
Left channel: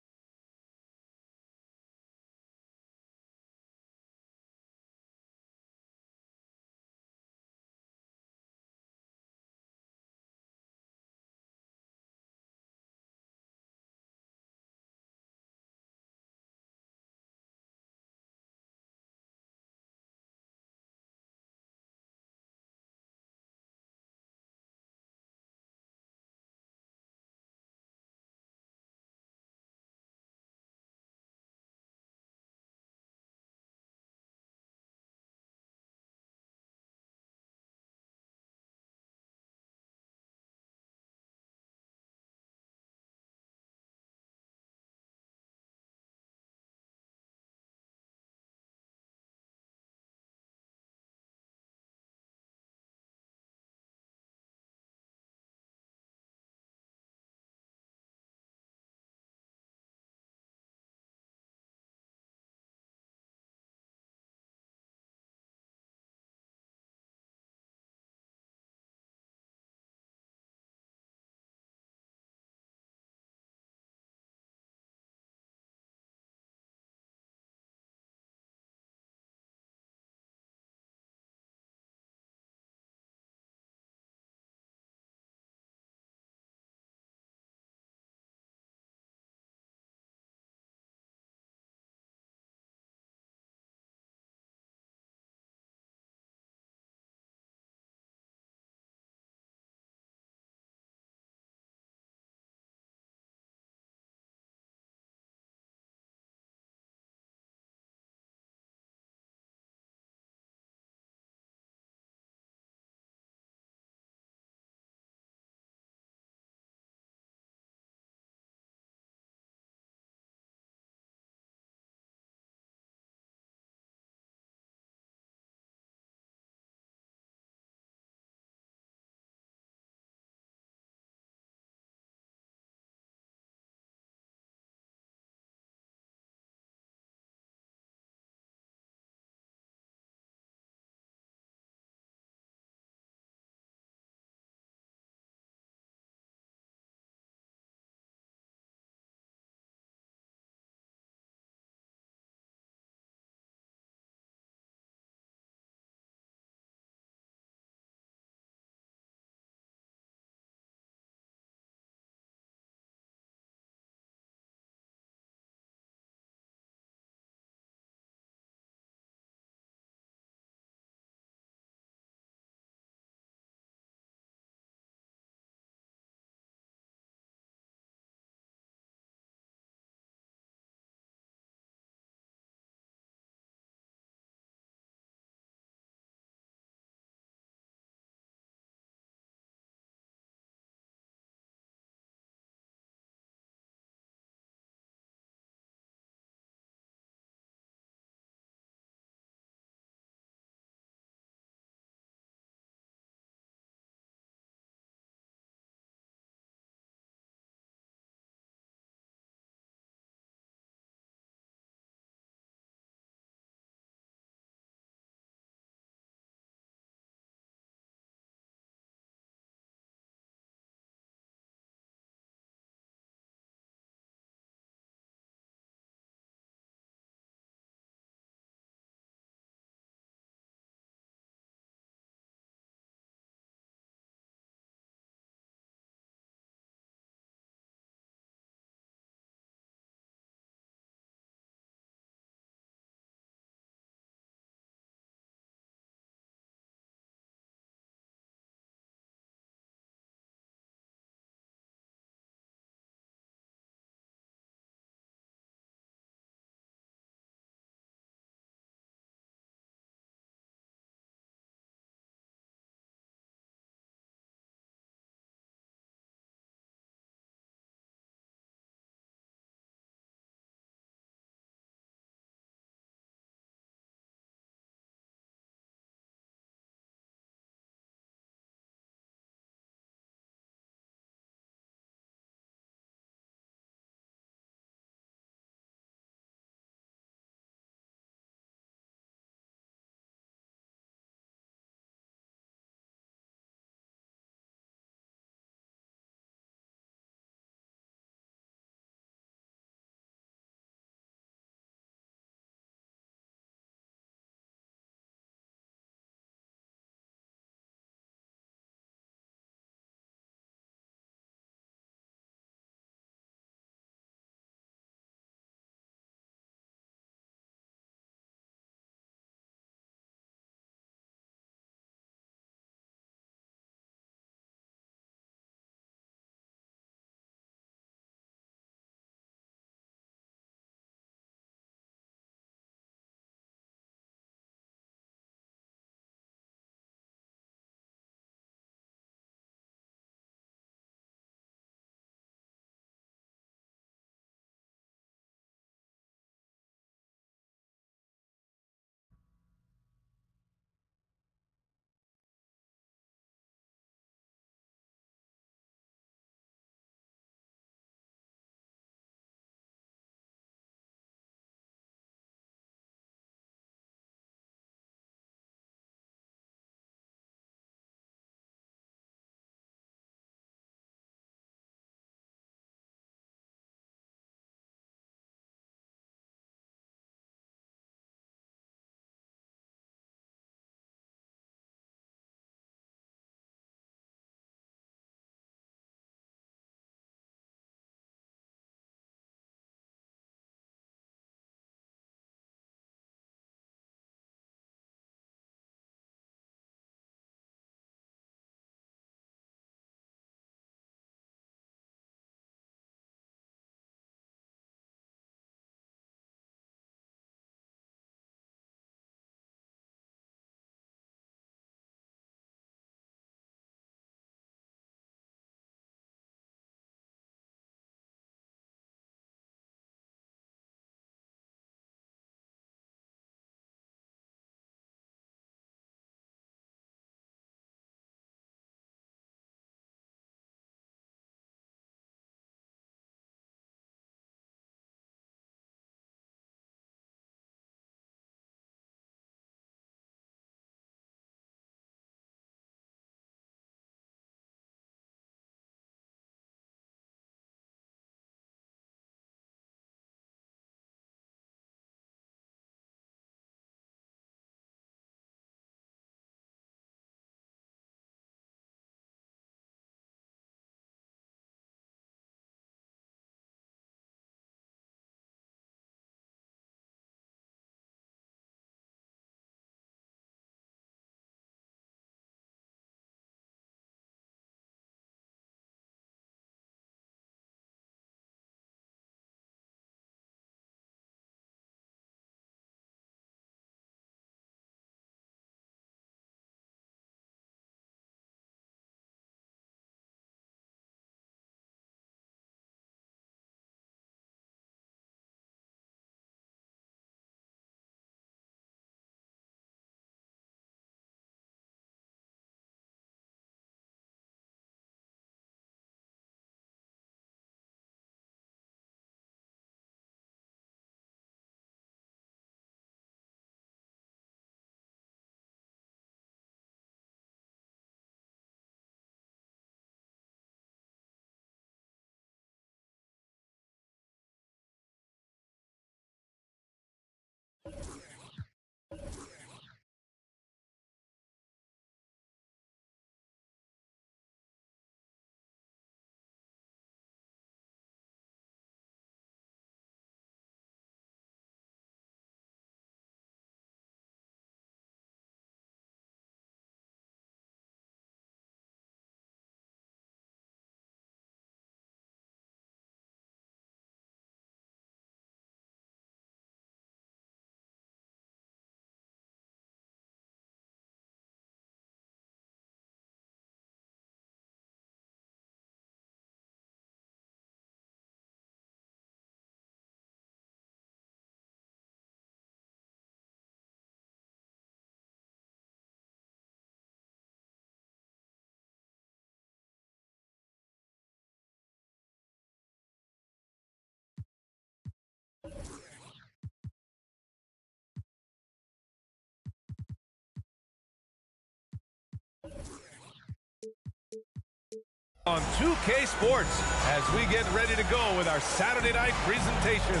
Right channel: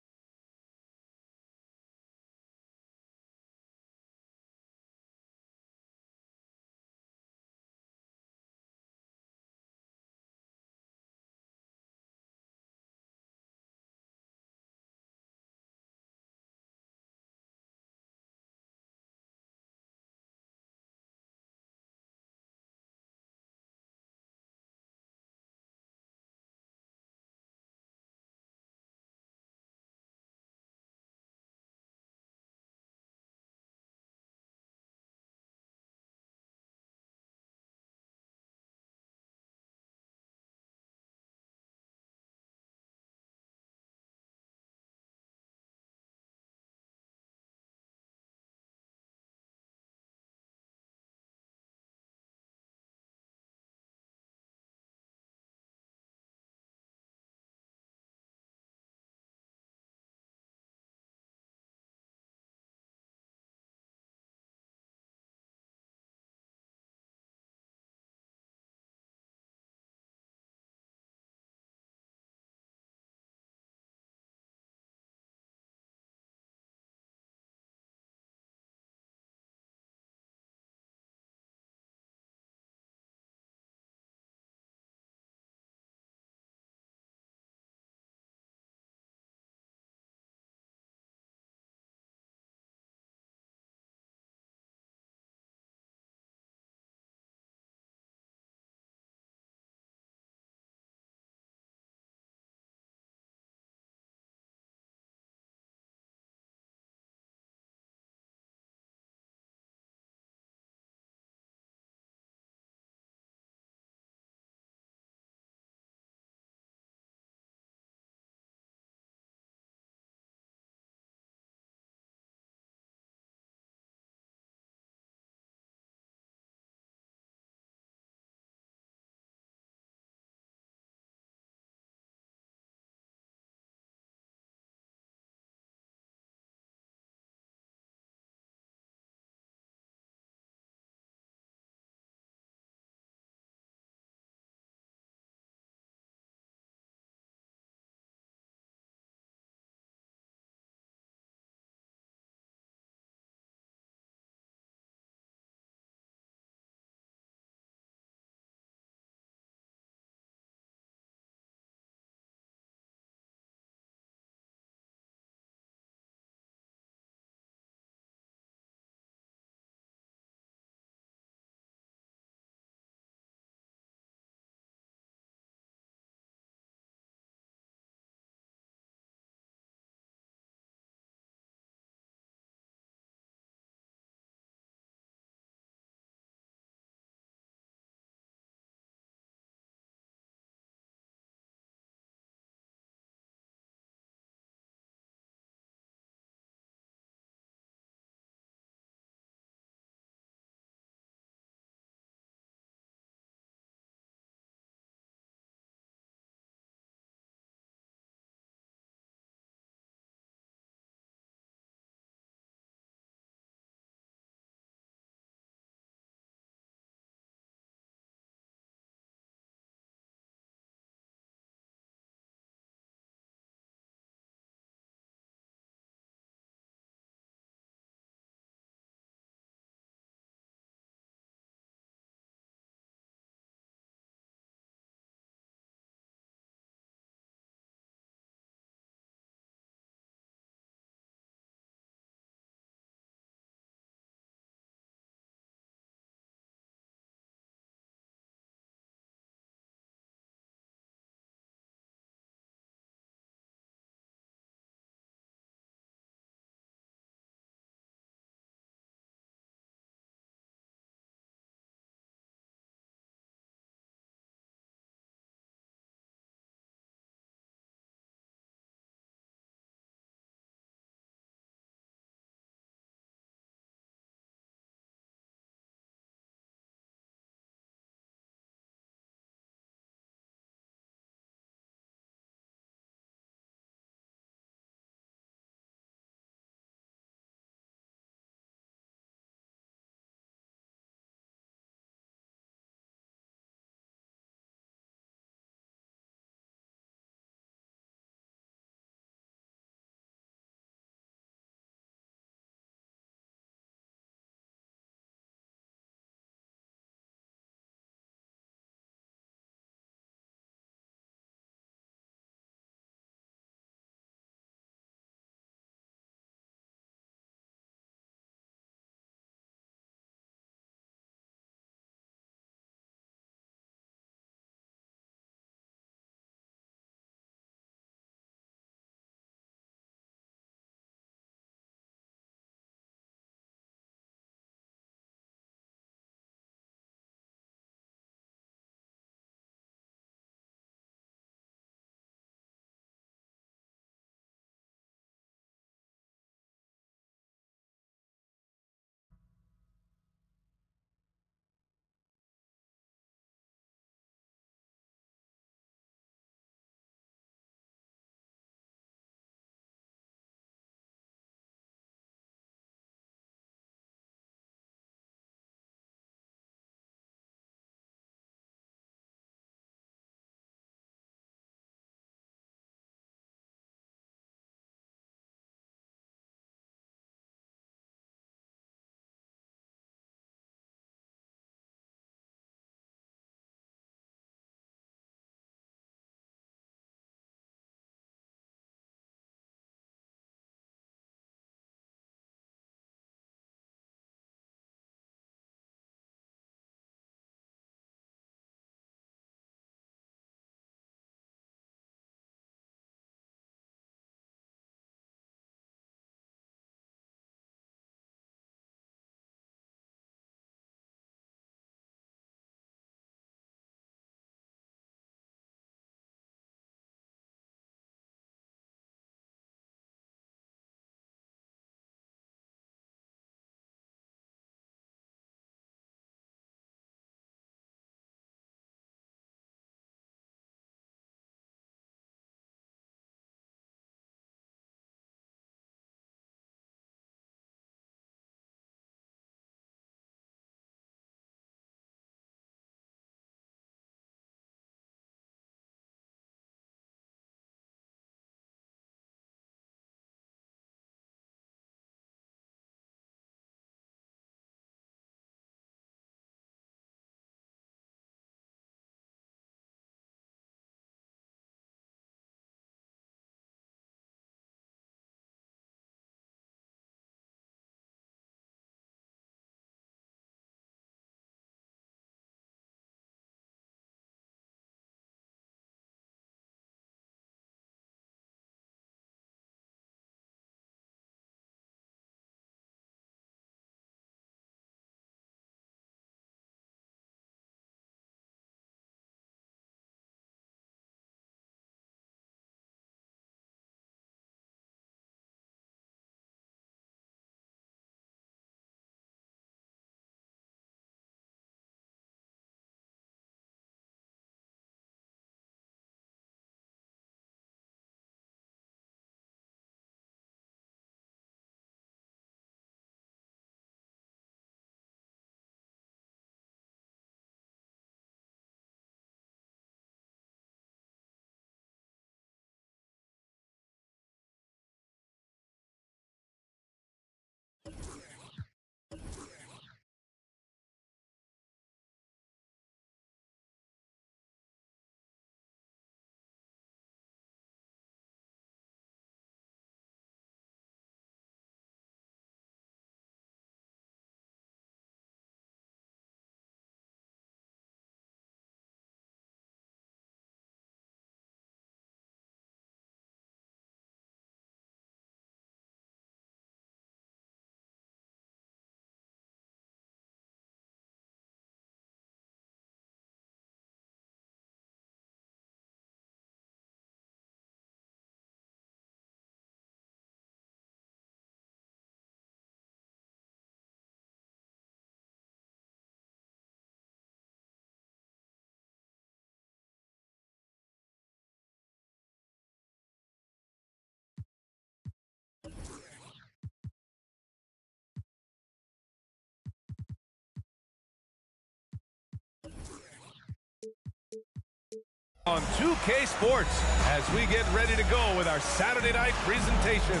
On 2K Sports as we get ready to go with our Saturday night presentation.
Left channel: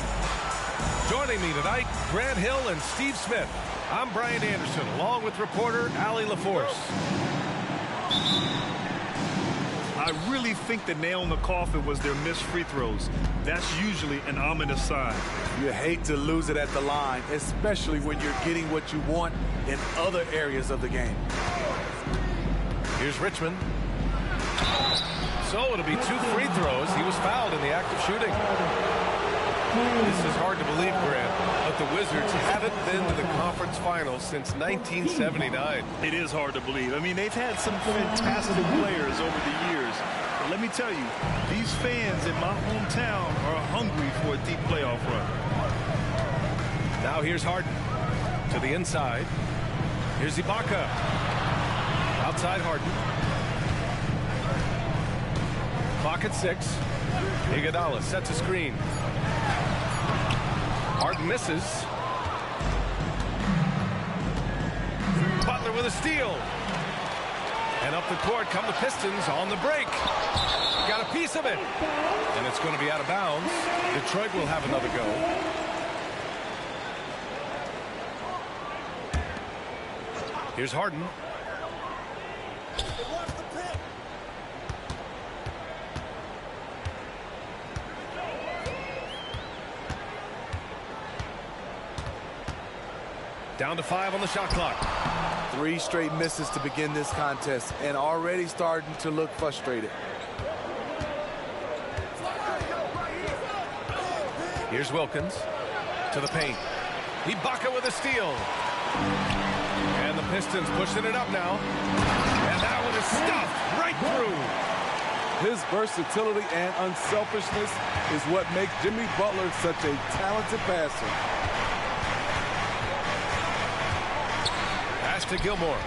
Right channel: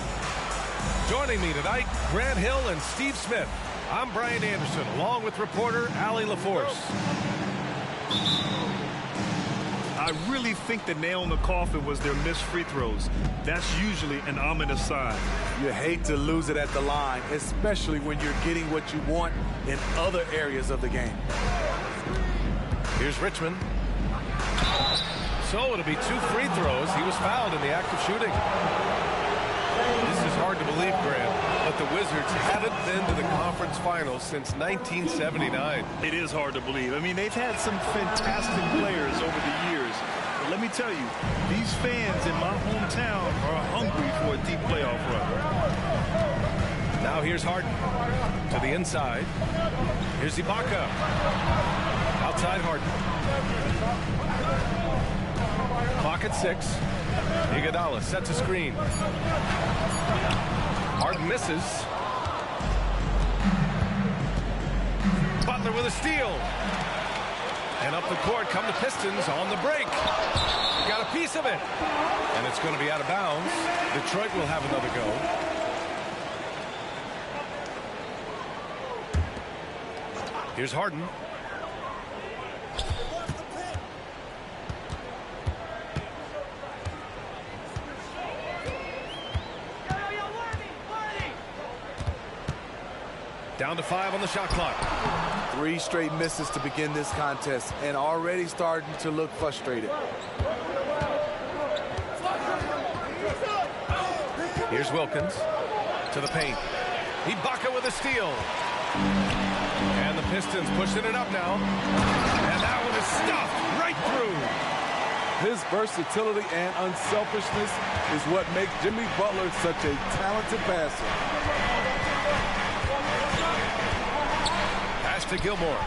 Joining me tonight, Grant Hill and Steve Smith. I'm Brian Anderson, along with reporter Allie LaForce. I really think the nail in the coffin was their missed free throws. That's usually an ominous sign. You hate to lose it at the line, especially when you're getting what you want in other areas of the game. Here's Richmond. So it'll be 2 free throws. He was fouled in the act of shooting. This is hard to believe, Grant, but the Wizards haven't been to the conference finals since 1979. It is hard to believe. I mean, they've had some fantastic players over the years. But let me tell you, these fans in my hometown are hungry for a deep playoff run. Now here's Harden to the inside. Here's Ibaka. Outside Harden. Clock at 6. Iguodala sets a screen. Harden misses. Butler with a steal. And up the court come the Pistons on the break. Got a piece of it. And it's going to be out of bounds. Detroit will have another go. Here's Harden. Down to 5 on the shot clock. 3 straight misses to begin this contest and already starting to look frustrated. Here's Wilkins to the paint. Ibaka with a steal. And the Pistons pushing it up now. And that one is stuffed right through. His versatility and unselfishness is what makes Jimmy Butler such a talented passer. To Gilmore.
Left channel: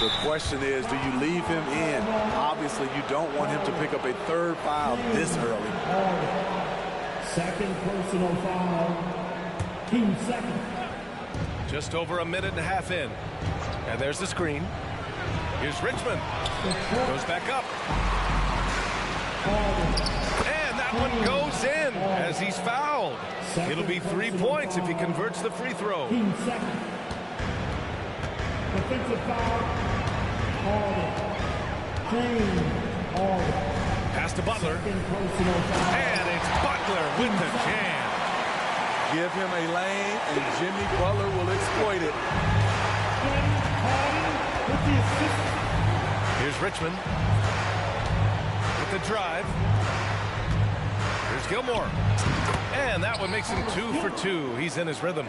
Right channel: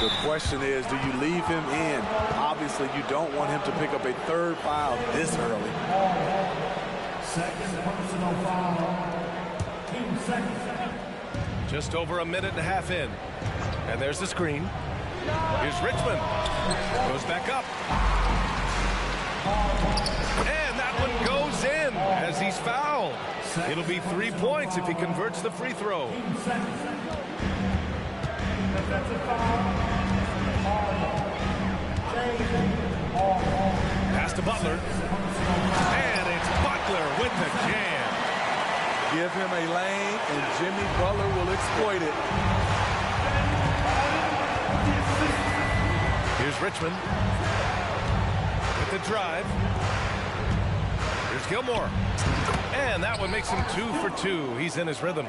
The question is, do you leave him in? Obviously, you don't want him to pick up a 3rd foul this early. Second personal foul. Team second. Just over a minute and a half in. And there's the screen. Here's Richmond. Goes back up. And that one goes in as he's fouled. It'll be 3 points if he converts the free throw. Team second. Defensive foul. Pass to Butler. And it's Butler with the jam. Give him a lane, and Jimmy Butler will exploit it. Here's Richmond with the drive. Here's Gilmore. And that one makes him 2 for 2. He's in his rhythm.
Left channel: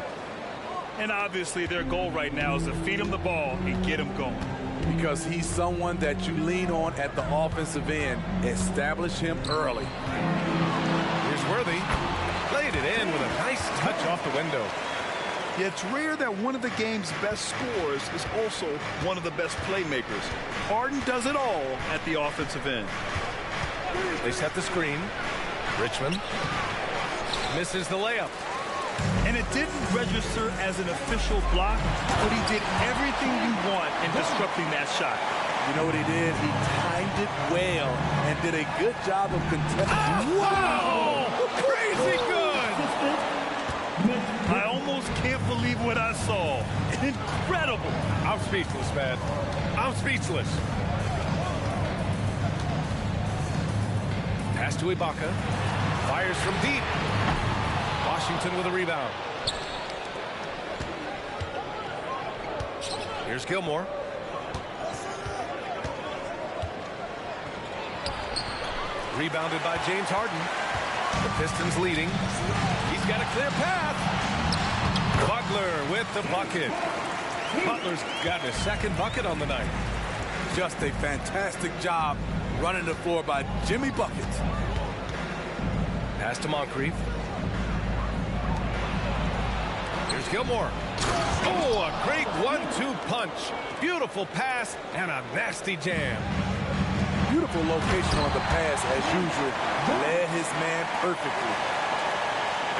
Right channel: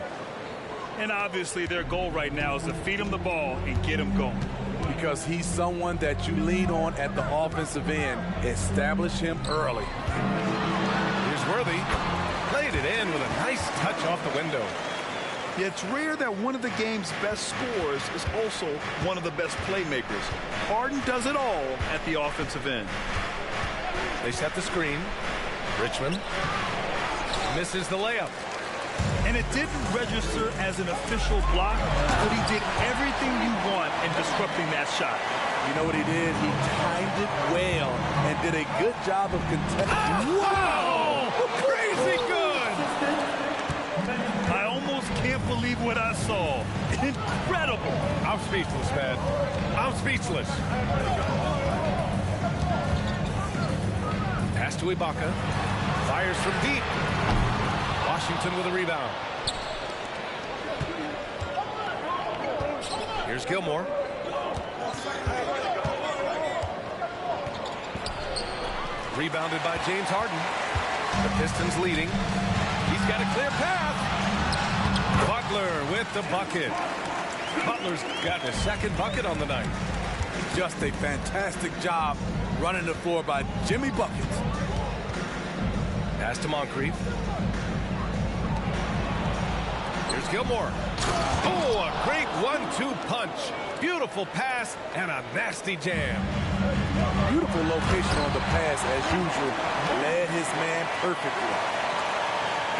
And obviously their goal right now is to feed him the ball and get him going. Because he's someone that you lean on at the offensive end. Establish him early. Here's Worthy. Played it in with a nice touch off the window. Yeah, it's rare that one of the game's best scorers is also one of the best playmakers. Harden does it all at the offensive end. They set the screen. Richmond misses the layup. And it didn't register as an official block, but he did everything you want in disrupting that shot. You know what he did? He timed it well and did a good job of contesting. Wow! Crazy good! I almost can't believe what I saw. Incredible! I'm speechless, man. I'm speechless. Pass to Ibaka. Fires from deep. Washington with a rebound. Here's Gilmore. Rebounded by James Harden. The Pistons leading. He's got a clear path. Butler with the bucket. Butler's gotten his 2nd bucket on the night. Just a fantastic job running the floor by Jimmy Buckets. Pass to Moncrief. Here's Gilmore. Oh, a great 1-2 punch. Beautiful pass and a nasty jam. Beautiful location on the pass as usual. Led his man perfectly.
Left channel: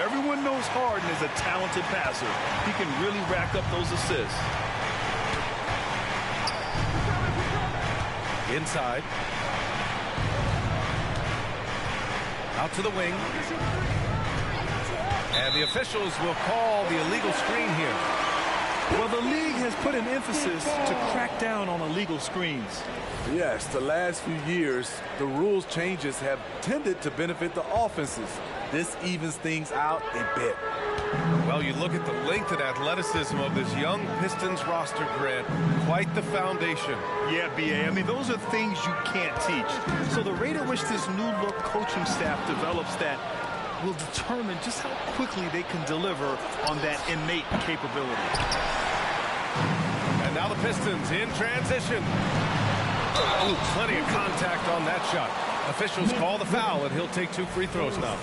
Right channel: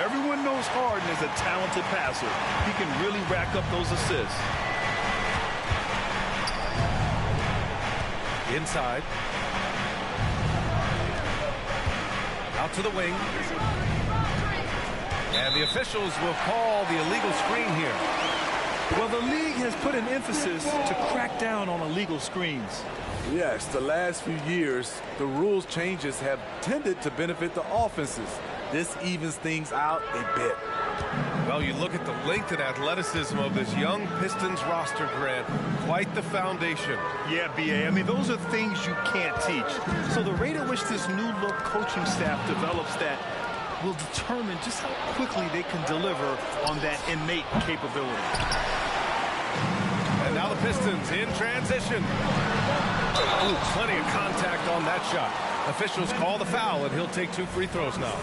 Everyone knows Harden is a talented passer. He can really rack up those assists. Inside. Out to the wing. And the officials will call the illegal screen here. Well, the league has put an emphasis to crack down on illegal screens. Yes, the last few years, the rules changes have tended to benefit the offenses. This evens things out a bit. Well, you look at the length and athleticism of this young Pistons roster, Grant. Quite the foundation. Yeah, B.A. I mean, those are things you can't teach. So the rate at which this new look coaching staff develops that will determine just how quickly they can deliver on that innate capability. And now the Pistons in transition. Ooh, plenty of contact on that shot. Officials call the foul, and he'll take 2 free throws now.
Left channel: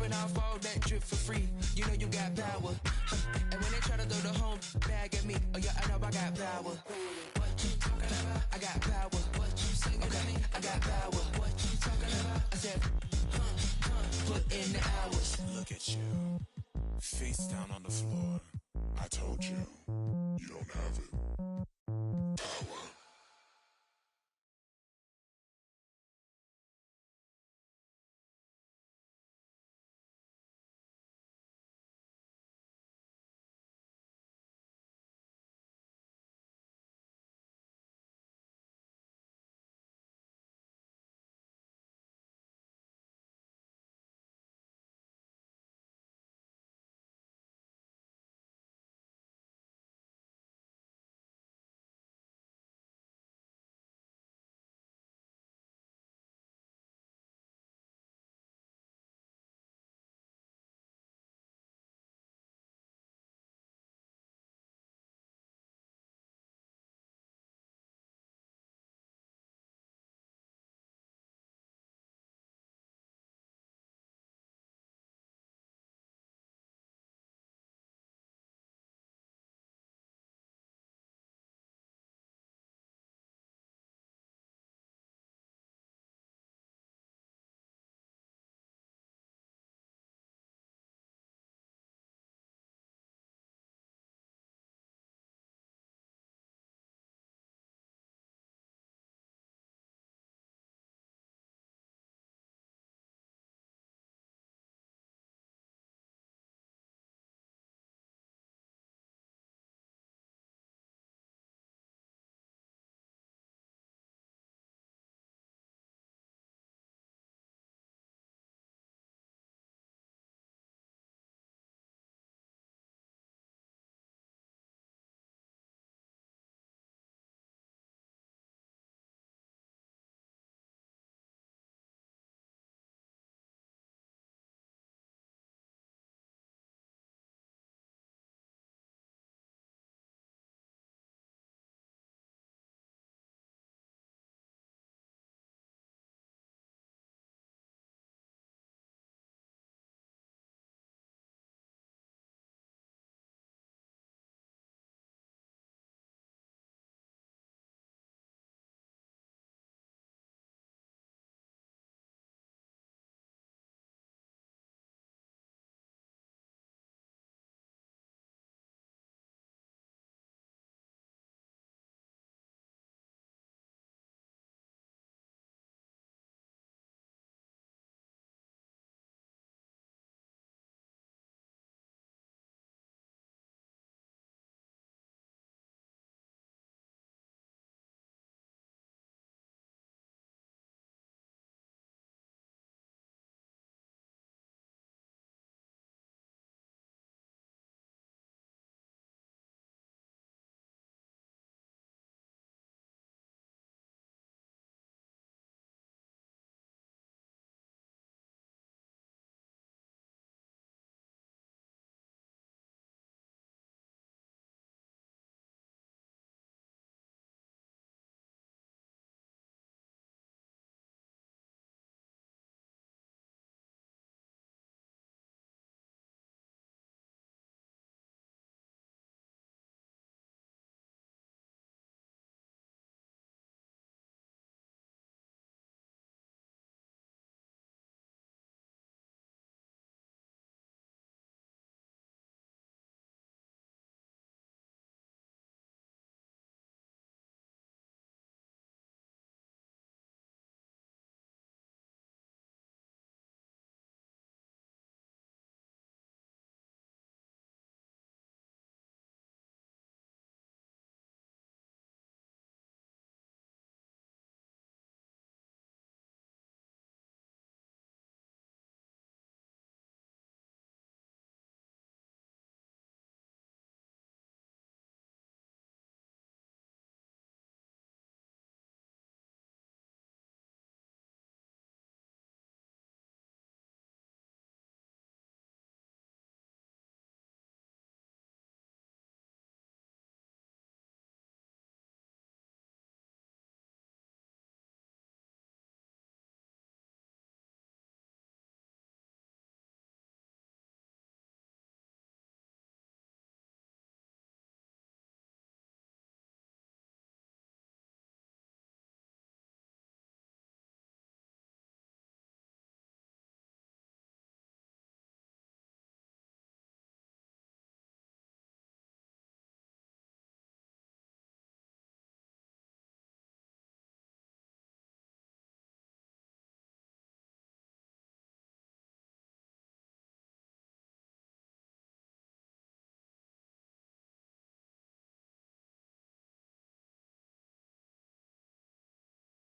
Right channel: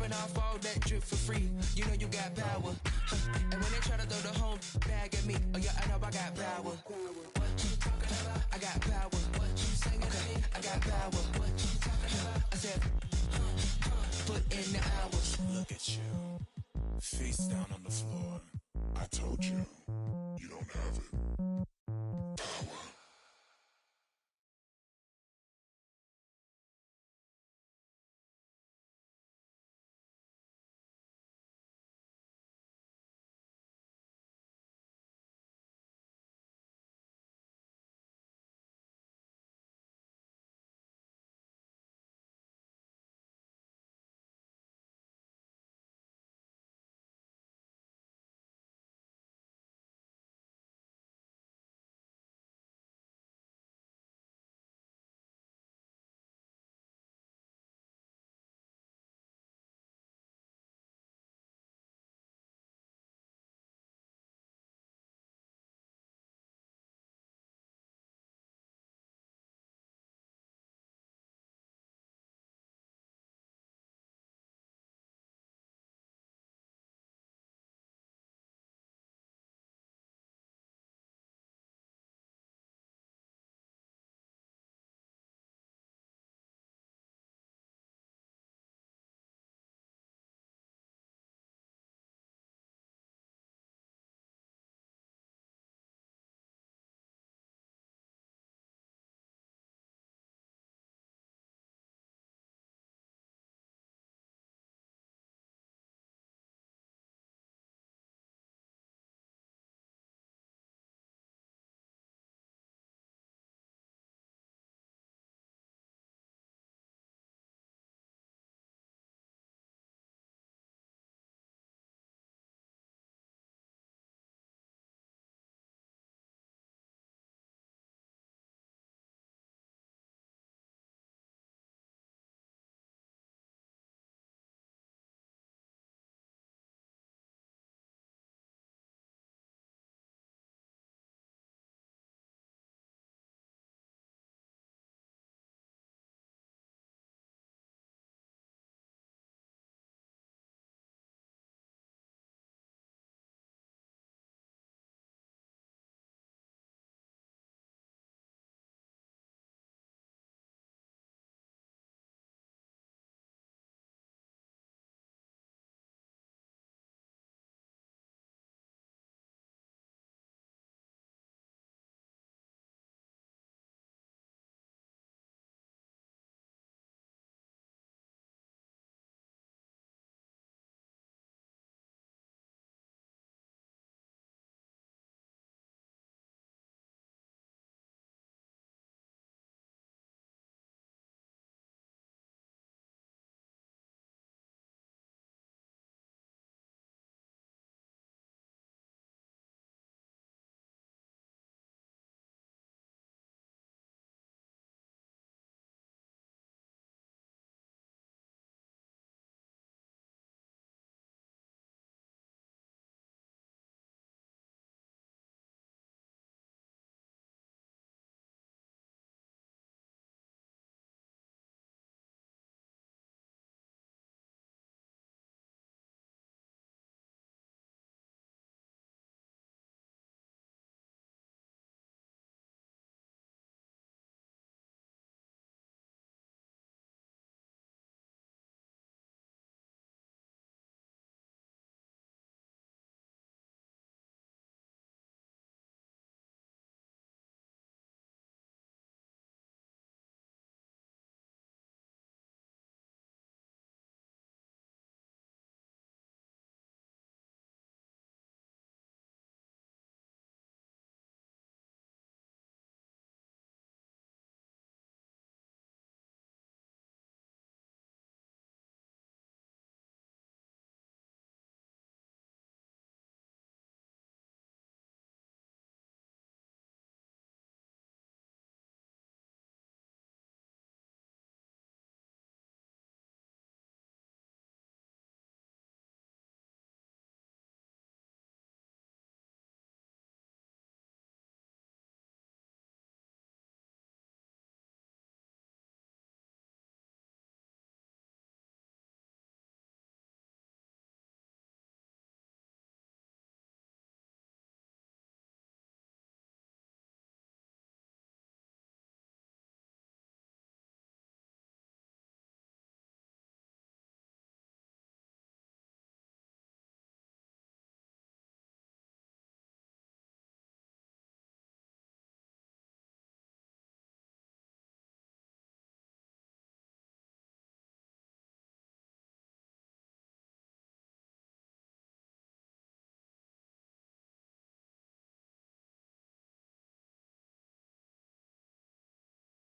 dropping off all that drip for free. You know you got power. And when they try to throw the home bag at me, oh yeah, I know I got power. I got power. Okay, I got power. I said, put in the hours. Look at you. Face down on the floor. I told you. You don't have it. Power.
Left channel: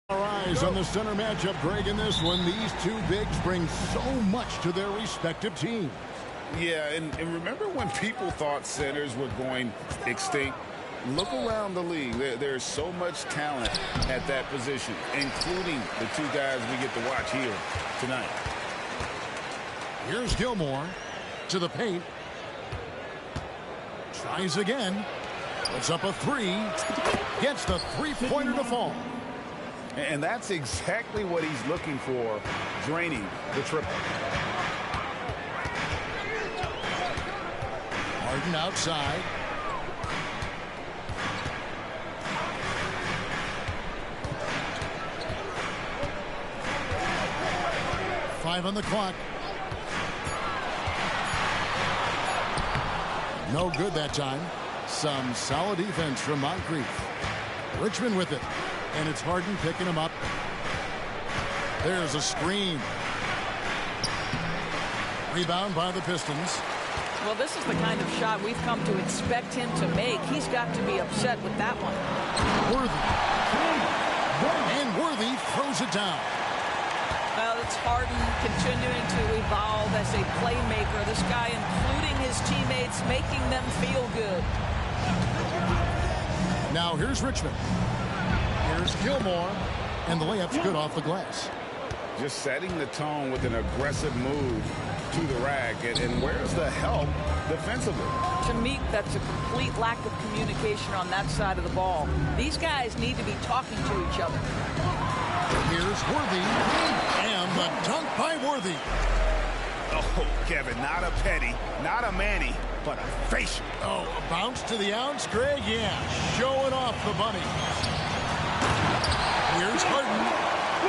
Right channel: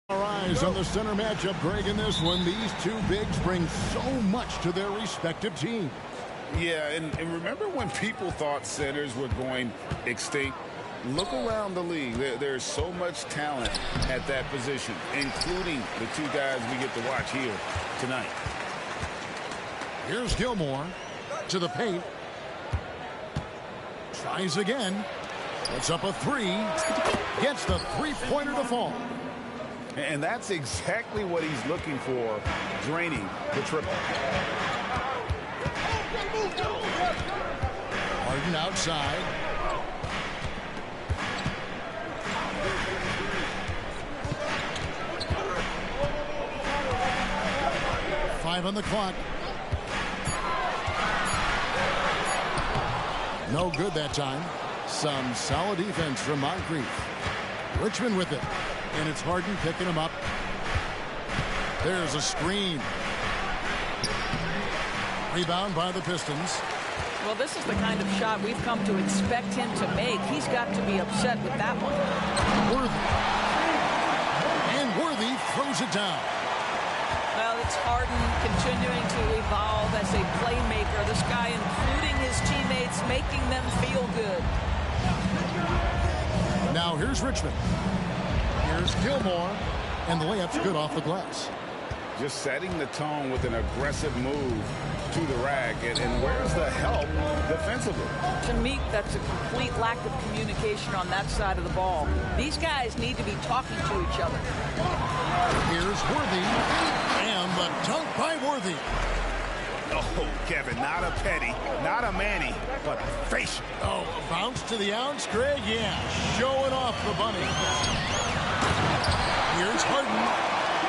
Our eyes on the center matchup, Greg, in this one. These two bigs bring so much to their respective teams. Yeah, and remember when people thought centers were going extinct? Look around the league. There's so much talent at that position, including the two guys we get to watch here tonight. Here's Gilmore to the paint. Tries again. Puts up a three. Gets the three-pointer to fall. And that's exactly what he's looking for, draining the triple. Harden outside. Five on the clock. No good that time. Some solid defense from Moncrief. Richmond with it. And it's Harden picking him up. There's a screen. Rebound by the Pistons. Well, this is the kind of shot we've come to expect him to make. He's got to be upset with that one. Worthy. And Worthy throws it down. Well, it's Harden continuing to evolve as a playmaker. This guy, including his teammates, making them feel good. Now here's Richmond. Here's Gilmore. And the layup's good off the glass. Just setting the tone with an aggressive move to the rack. And where's the help defensively? To me, that's a complete lack of communication on that side of the ball. These guys need to be talking to each other. Here's Worthy. And the dunk by Worthy. Oh, Kevin, not a petty, not a Manny, but a facial. Oh, a bounce to the ounce, Greg? Yeah, showing off the bunny. Here's Harden.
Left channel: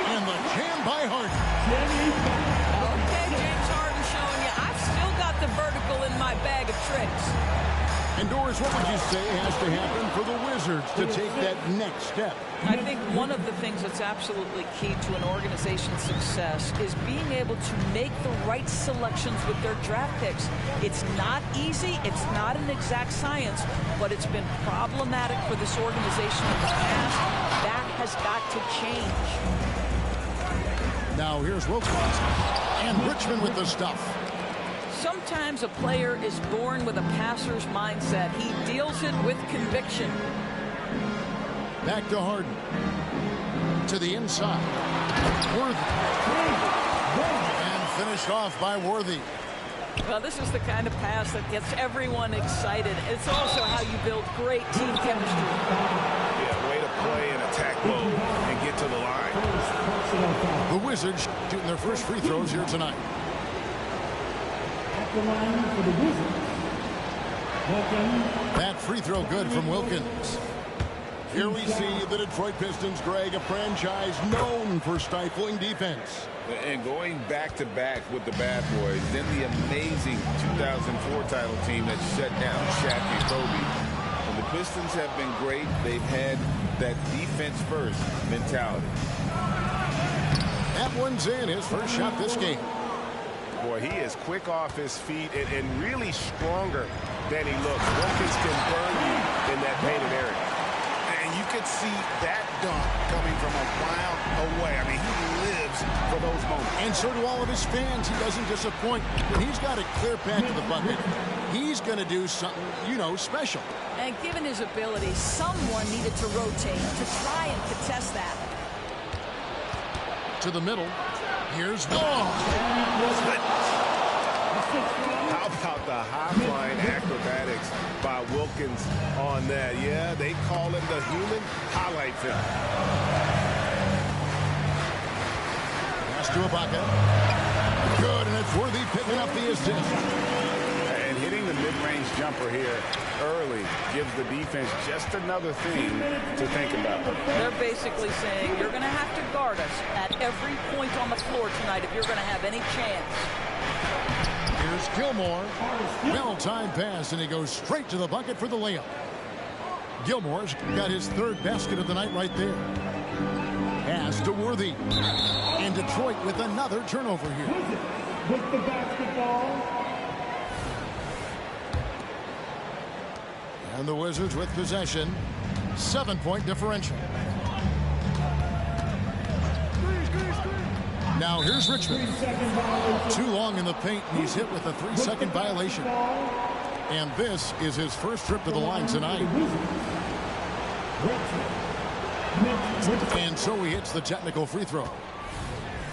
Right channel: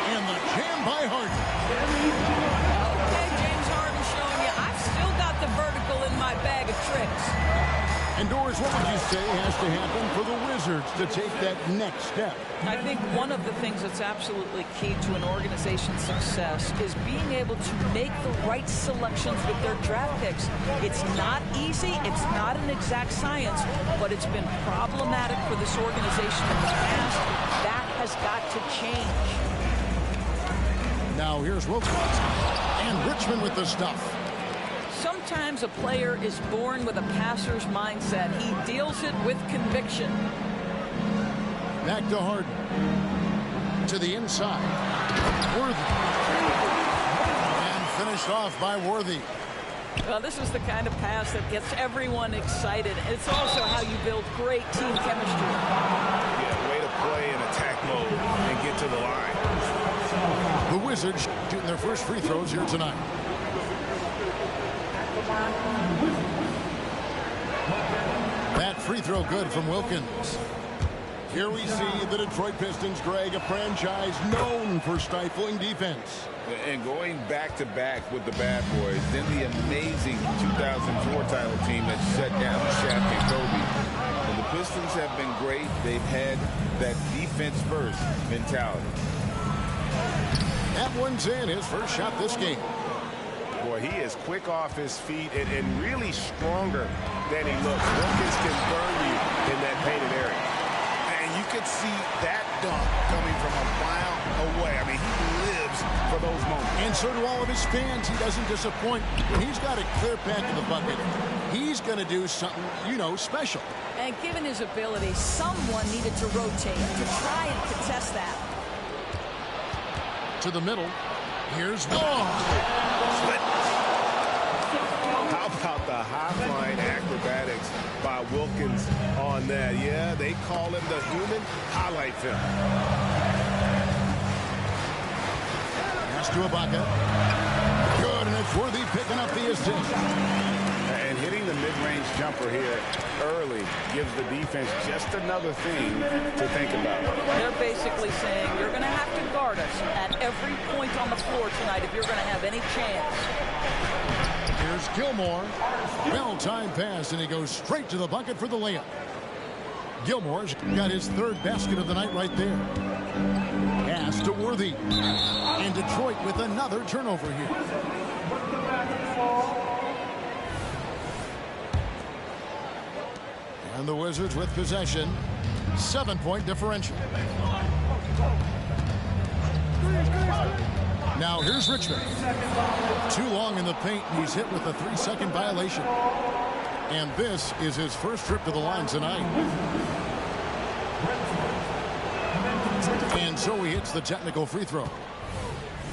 And the jam by Harden. Okay, James Harden showing you I've still got the vertical in my bag of tricks. And Doris, what would you say has to happen for the Wizards to take that next step? I think one of the things that's absolutely key to an organization's success is being able to make the right selections with their draft picks. It's not easy. It's not an exact science, but it's been problematic for this organization in the past. That has got to change. Now here's Wilkins. And Richmond with the stuff. Sometimes a player is born with a passer's mindset. He deals it with conviction. Back to Harden. To the inside. Worthy. And finished off by Worthy. Well, this is the kind of pass that gets everyone excited. It's also how you build great team chemistry. Yeah, way to play in attack mode and get to the line. The Wizards shooting their first free throws here tonight. That free throw good from Wilkins. Here we see the Detroit Pistons, Greg, a franchise known for stifling defense. And going back-to-back with the bad boys, then the amazing 2004 title team that shut down Shaq and Kobe. And the Pistons have been great. They've had that defense-first mentality. That one's in, his first shot this game. Boy, he is quick off his feet and really stronger than he looks. Wilkins can burn you in that painted area. And you could see that dunk coming from a mile away. I mean, he lives for those moments. And so do all of his fans. He doesn't disappoint. When he's got a clear path to the bucket, he's going to do something, you know, special. And given his ability, someone needed to rotate to try and contest that. To the middle. Here's How about the high-flying acrobatics by Wilkins on that? Yeah, they call him the human highlight film. Pass to Ibaka. Good, and it's Worthy picking up the assist. And hitting the mid-range jumper here early gives the defense just another thing to think about. They're basically saying you're going to have to guard us at every point on the floor tonight if you're going to have any chance. Here's Gilmore. Well-timed pass, and he goes straight to the bucket for the layup. Gilmore's got his third basket of the night right there. Pass to Worthy. And Detroit with another turnover here. With the basketball. And the Wizards with possession. 7-point differential. Now here's Richmond. Too long in the paint, and he's hit with a 3-second violation. And this is his first trip to the line tonight. And so he hits the technical free throw.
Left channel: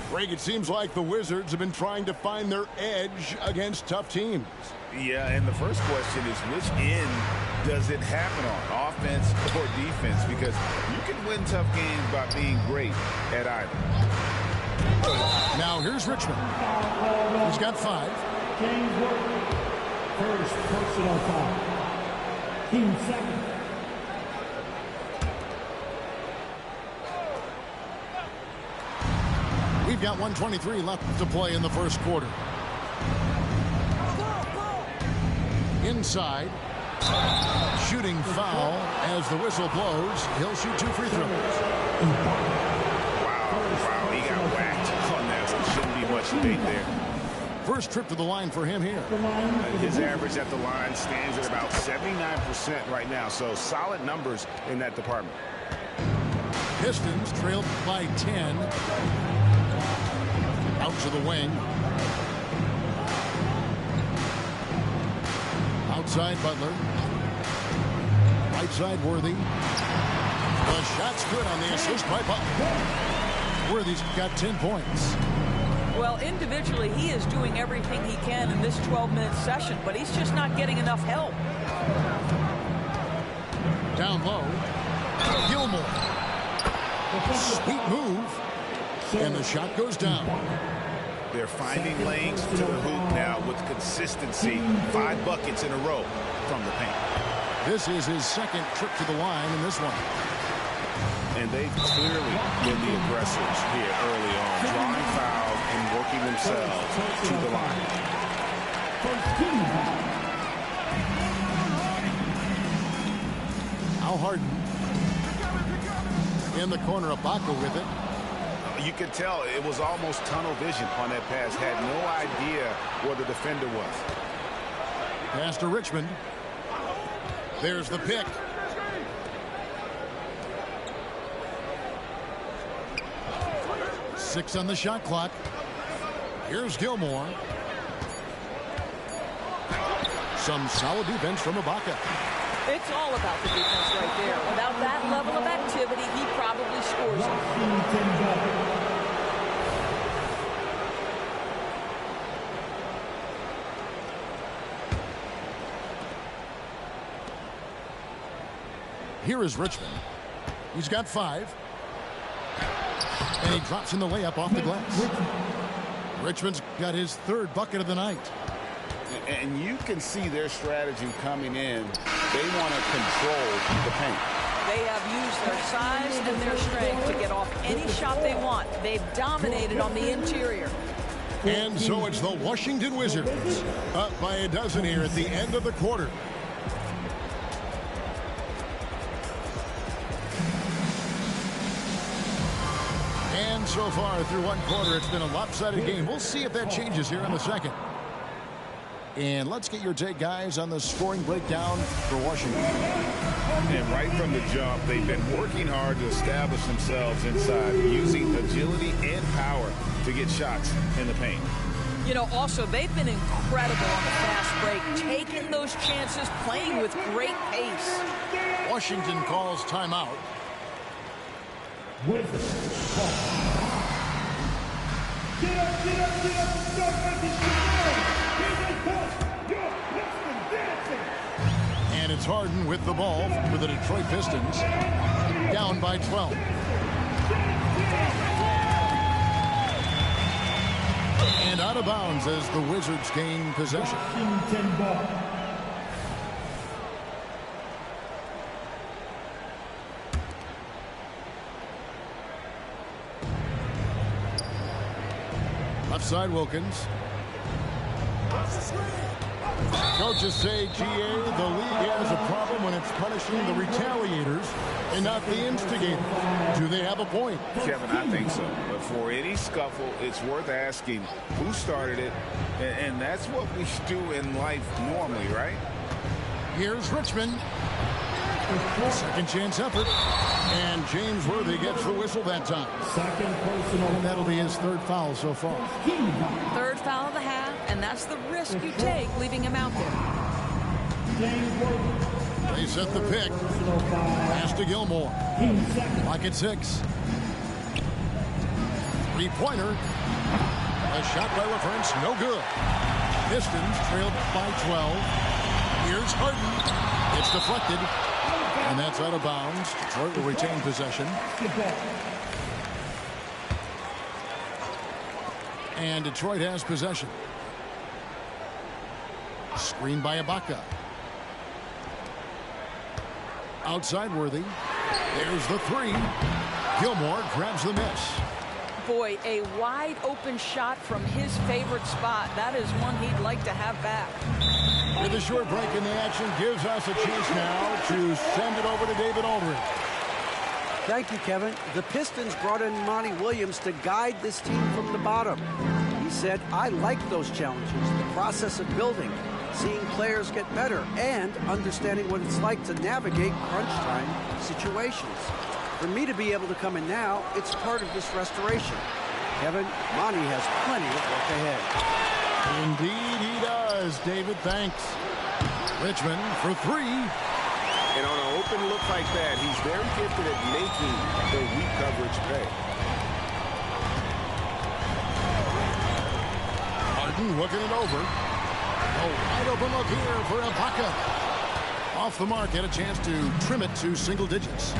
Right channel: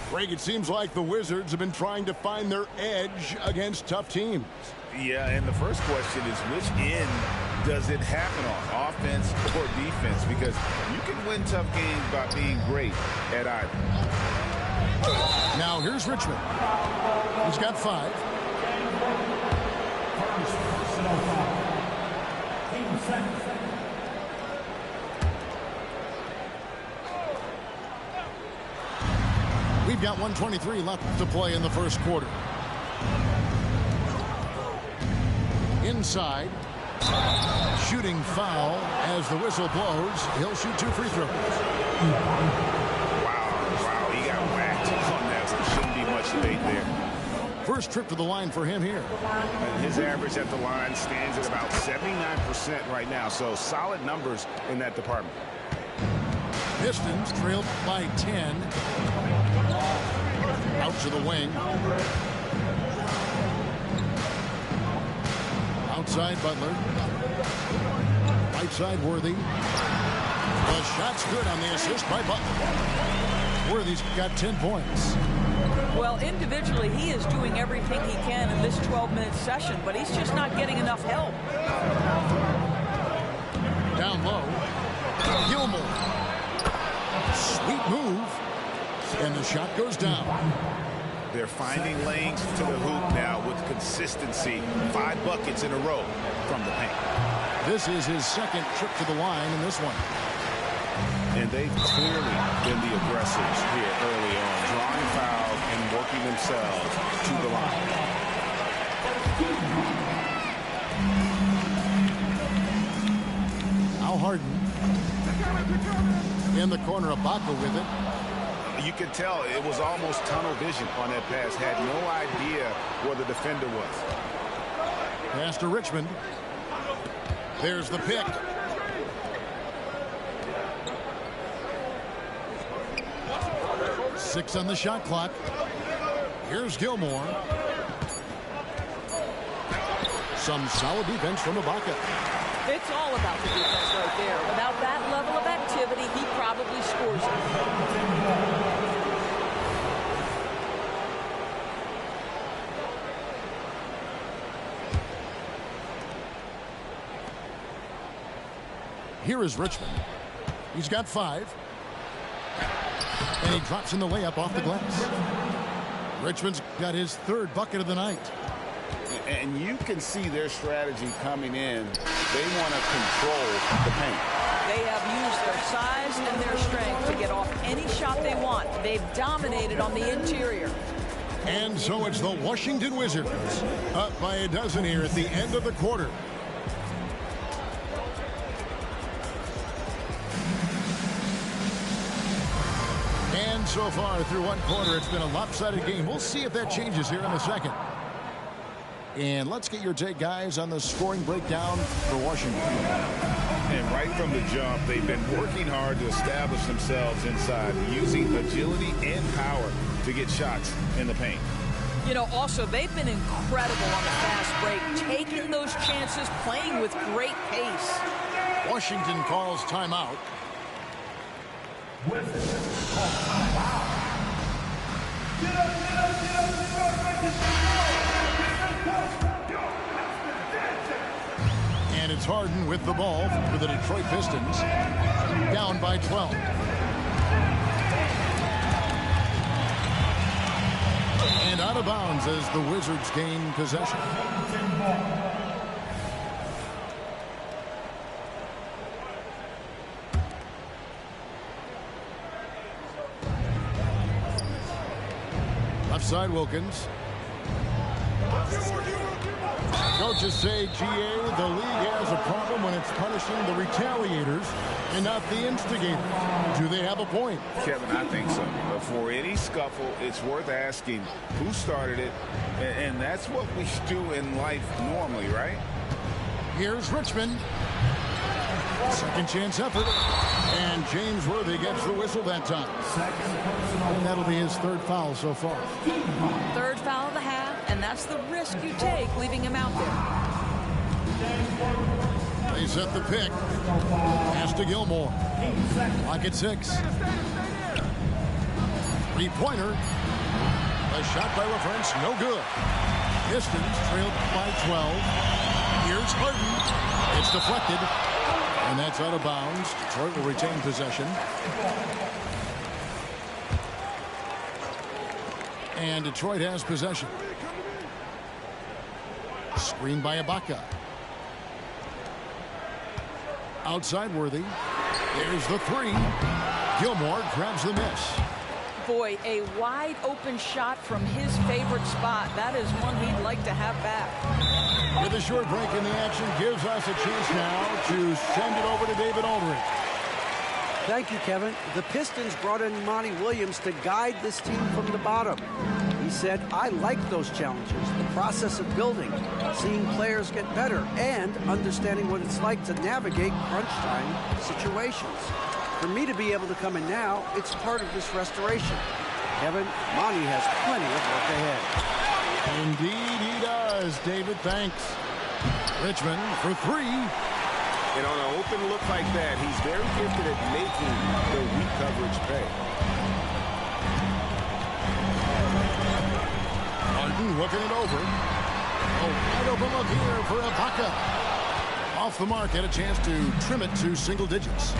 Greg, it seems like the Wizards have been trying to find their edge against tough teams. Yeah, and the first question is, which end does it happen on, offense or defense? Because you can win tough games by being great at either. Now here's Richmond. He's got 5. First personal foul. Team second. We've got 1:23 left to play in the first quarter. Inside. Shooting foul as the whistle blows. He'll shoot 2 free throws. Wow, he got whacked on that one. Shouldn't be much debate there. First trip to the line for him here. His average at the line stands at about 79% right now, so solid numbers in that department. Pistons trailed by 10. Out to the wing. Outside Butler. Right side Worthy. The shot's good on the assist by Butler. Worthy's got 10 points. Well, individually, he is doing everything he can in this 12-minute session, but he's just not getting enough help. Down low. Gilmore. Sweet move. And the shot goes down. They're finding lanes to the hoop now with consistency. 5 buckets in a row from the paint. This is his second trip to the line in this one. And they've clearly been the aggressors here early on, drawing fouls and working themselves to the line. Al Harden. In the corner, Ibaka with it. You can tell it was almost tunnel vision on that pass. Had no idea where the defender was. Pass to Richmond. There's the pick. Six on the shot clock. Here's Gilmore. Some solid defense from Ibaka. It's all about the defense right there. Without that level of activity, he probably scores it. Here is Richmond. He's got 5. And he drops in the layup off the glass. Richmond's got his 3rd bucket of the night. And you can see their strategy coming in. They want to control the paint. They have used their size and their strength to get off any shot they want. They've dominated on the interior. And so it's the Washington Wizards up by a dozen here at the end of the quarter. And so far through one quarter, it's been a lopsided game. We'll see if that changes here in the second. And let's get your take, guys, on the scoring breakdown for Washington. And right from the jump, they've been working hard to establish themselves inside, using agility and power to get shots in the paint. You know, also, they've been incredible on the fast break, taking those chances, playing with great pace. Washington calls timeout. Wizards call timeout. Get up, get up, get up, and start making And it's Harden with the ball for the Detroit Pistons, down by 12. And out of bounds as the Wizards gain possession. Left side Wilkins. Coaches say, GA, the league has a problem when it's punishing the retaliators and not the instigators. Do they have a point? Kevin, I think so. For any scuffle, it's worth asking who started it, and that's what we do in life normally, right? Here's Richmond. Second chance effort. And James Worthy gets the whistle that time. Second personal. And that'll be his third foul so far. Third foul of the half, and that's the risk you take leaving him out there. They set the pick. Pass to Gilmore. Lock at 6. Three-pointer. A shot by LaFrance, no good. Pistons trailed by 12. Here's Harden. It's deflected. And that's out of bounds. Detroit will retain possession. And Detroit has possession. Screen by Ibaka. Outside Worthy. There's the three. Gilmore grabs the miss. Boy, a wide open shot from his favorite spot. That is one he'd like to have back. With a short break in the action, gives us a chance now to send it over to David Aldridge. Thank you, Kevin. The Pistons brought in Monty Williams to guide this team from the bottom. He said, I like those challenges, the process of building, seeing players get better, and understanding what it's like to navigate crunch time situations. For me to be able to come in now, it's part of this restoration. Kevin, Monty has plenty of work ahead. Indeed he does, David. Thanks. Richmond for three. And on an open look like that, he's very gifted at making the weak coverage pay. Harden looking it over. A wide open look here for Ibaka. Off the mark, had a chance to trim it to single digits.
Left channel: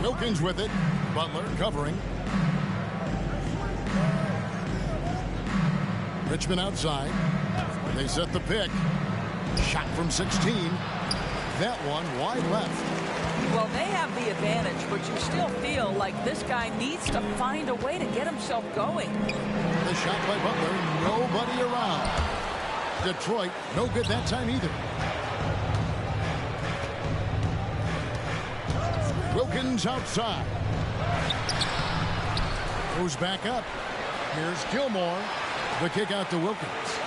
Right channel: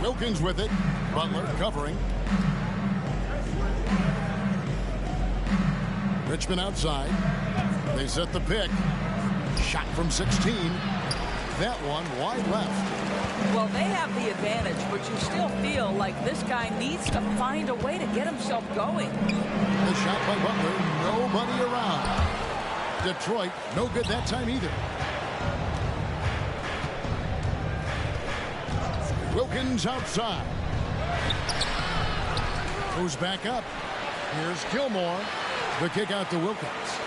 Wilkins with it. Butler covering. Richmond outside. They set the pick. Shot from 16. That one wide left. Well, they have the advantage, but you still feel like this guy needs to find a way to get himself going. The shot by Butler, nobody around. Detroit, no good that time either. Wilkins outside. Goes back up. Here's Gilmore. The kick out to Wilkins.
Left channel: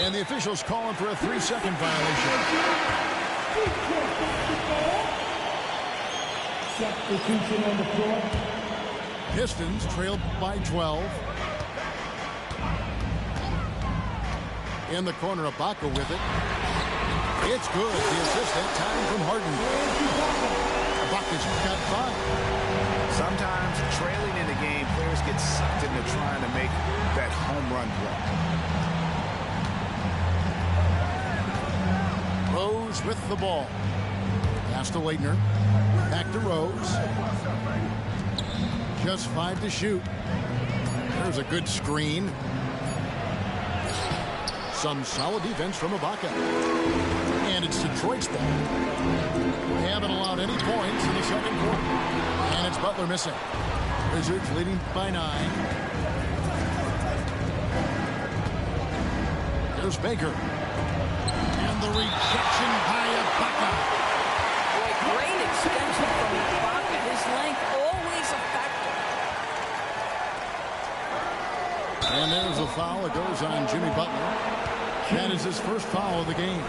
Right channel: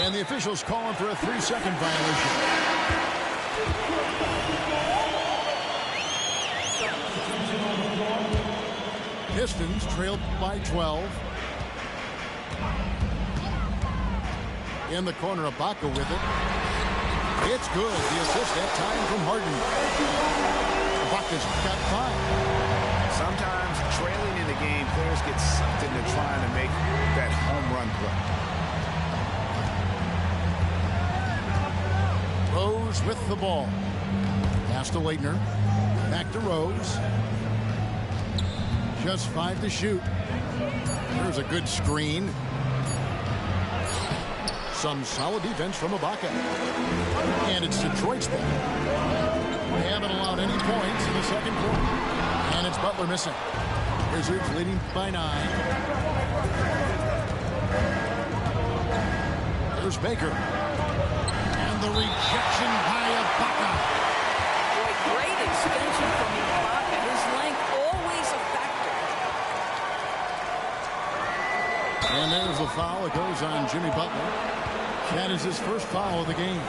And the officials calling for a 3-second violation. Substitution on the floor. Pistons trailed by 12. In the corner, Ibaka with it. It's good. The assist that time from Harden. Ibaka's got 5. Sometimes trailing in the game, players get sucked into trying to make that home run play. Rose with the ball. Pass to Leitner. Back to Rose. Just 5 to shoot. There's a good screen. Some solid defense from Ibaka. And it's Detroit's ball. They haven't allowed any points in the second quarter. And it's Butler missing. Wizards leading by 9. There's Baker. And the rejection by Ibaka. Boy, great extension from Ibaka. His length always a factor. And there's a foul. It goes on Jimmy Butler. That is his first foul of the game.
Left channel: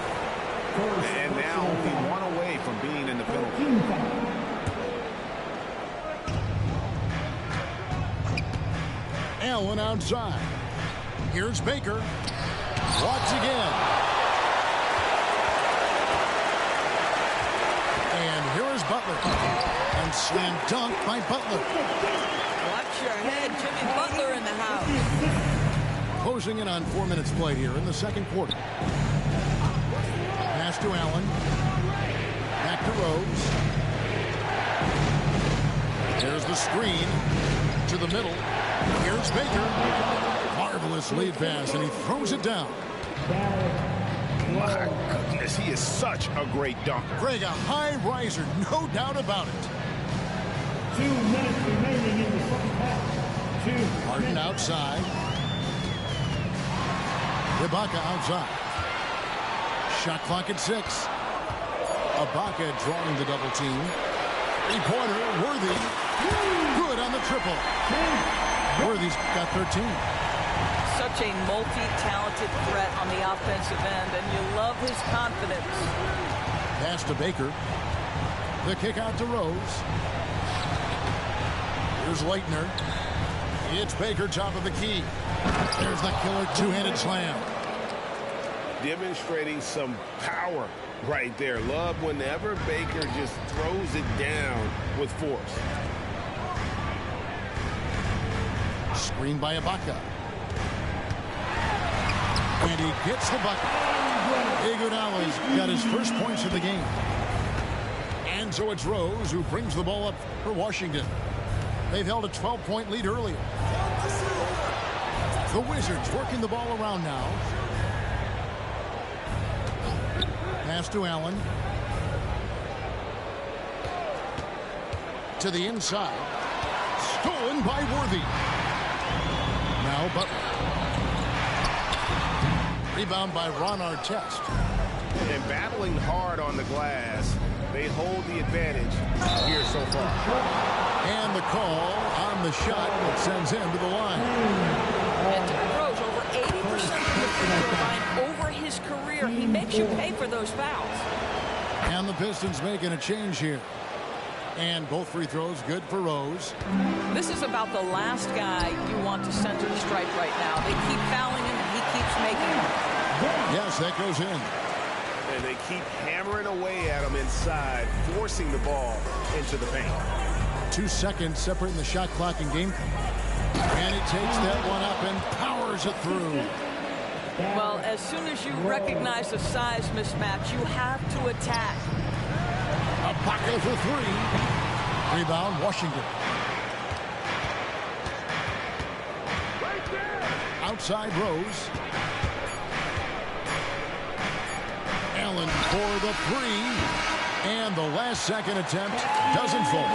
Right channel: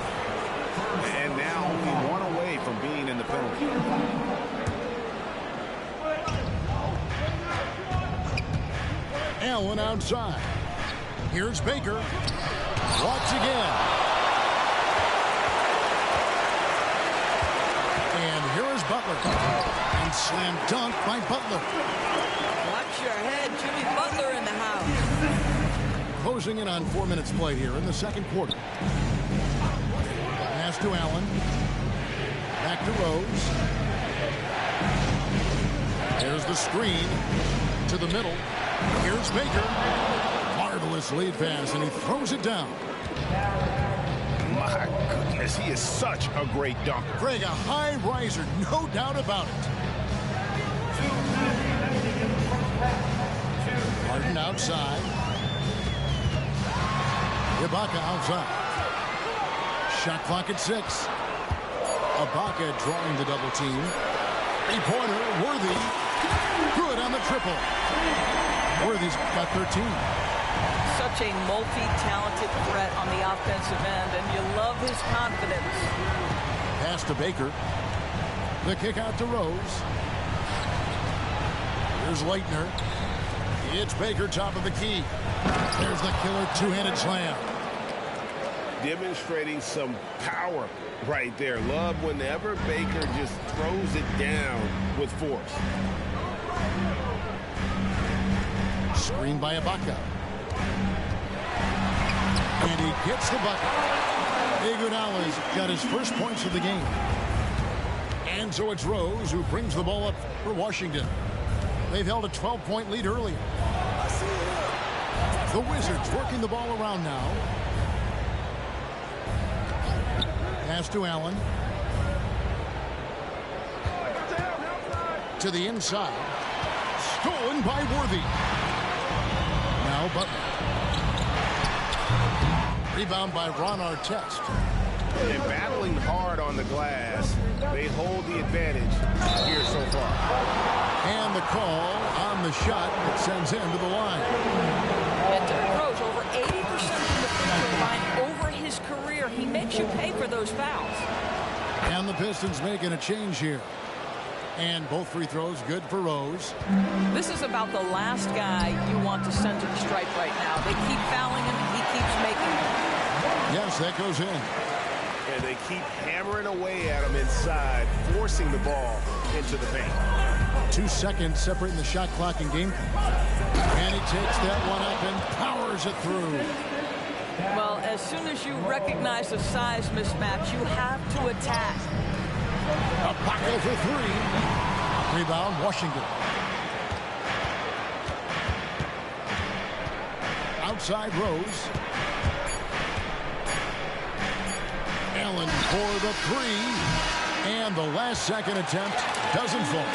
And now only one away from being in the penalty. Allen outside. Here's Baker. Walks again. And here is Butler. And slam dunk by Butler. Watch your head. Jimmy Butler in the house. Closing in on 4 minutes played here in the second quarter. Pass to Allen. Back to Rose. There's the screen to the middle. Here's Baker. Marvelous lead pass, and he throws it down. My goodness, he is such a great dunker. Greg, a high riser, no doubt about it. 2 minutes remaining in the first half. Harden outside. Ibaka outside. Shot clock at 6. Ibaka drawing the double team. 3-pointer, Worthy. Good on the triple. Worthy's got 13. Such a multi-talented threat on the offensive end, and you love his confidence. Pass to Baker. The kick out to Rose. Here's Leitner. It's Baker, top of the key. There's the killer two-handed slam. Demonstrating some power right there. Love whenever Baker just throws it down with force. Screen by Ibaka. And he gets the bucket. Iguodala's got his first points of the game. And so it's Rose who brings the ball up for Washington. They've held a 12-point lead earlier. The Wizards working the ball around now. Pass to Allen. To the inside. Stolen by Worthy. Now Butler. Rebound by Ron Artest. And battling hard on the glass, they hold the advantage here so far. And the call on the shot that sends him to the line. And Derrick Rose, over 80% from the free throw line over his career. He makes you pay for those fouls. And the Pistons making a change here. And both free throws good for Rose. This is about the last guy you want to send to the stripe right now. They keep fouling him, and he keeps making them. Yes, that goes in. And they keep hammering away at him inside, forcing the ball into the paint. 2 seconds separating the shot clock and game clock. And he takes that one up and powers it through. Well, as soon as you recognize the size mismatch, you have to attack. Ibaka for three. Rebound, Washington. Outside Rose. Allen for the three. And the last second attempt doesn't fall.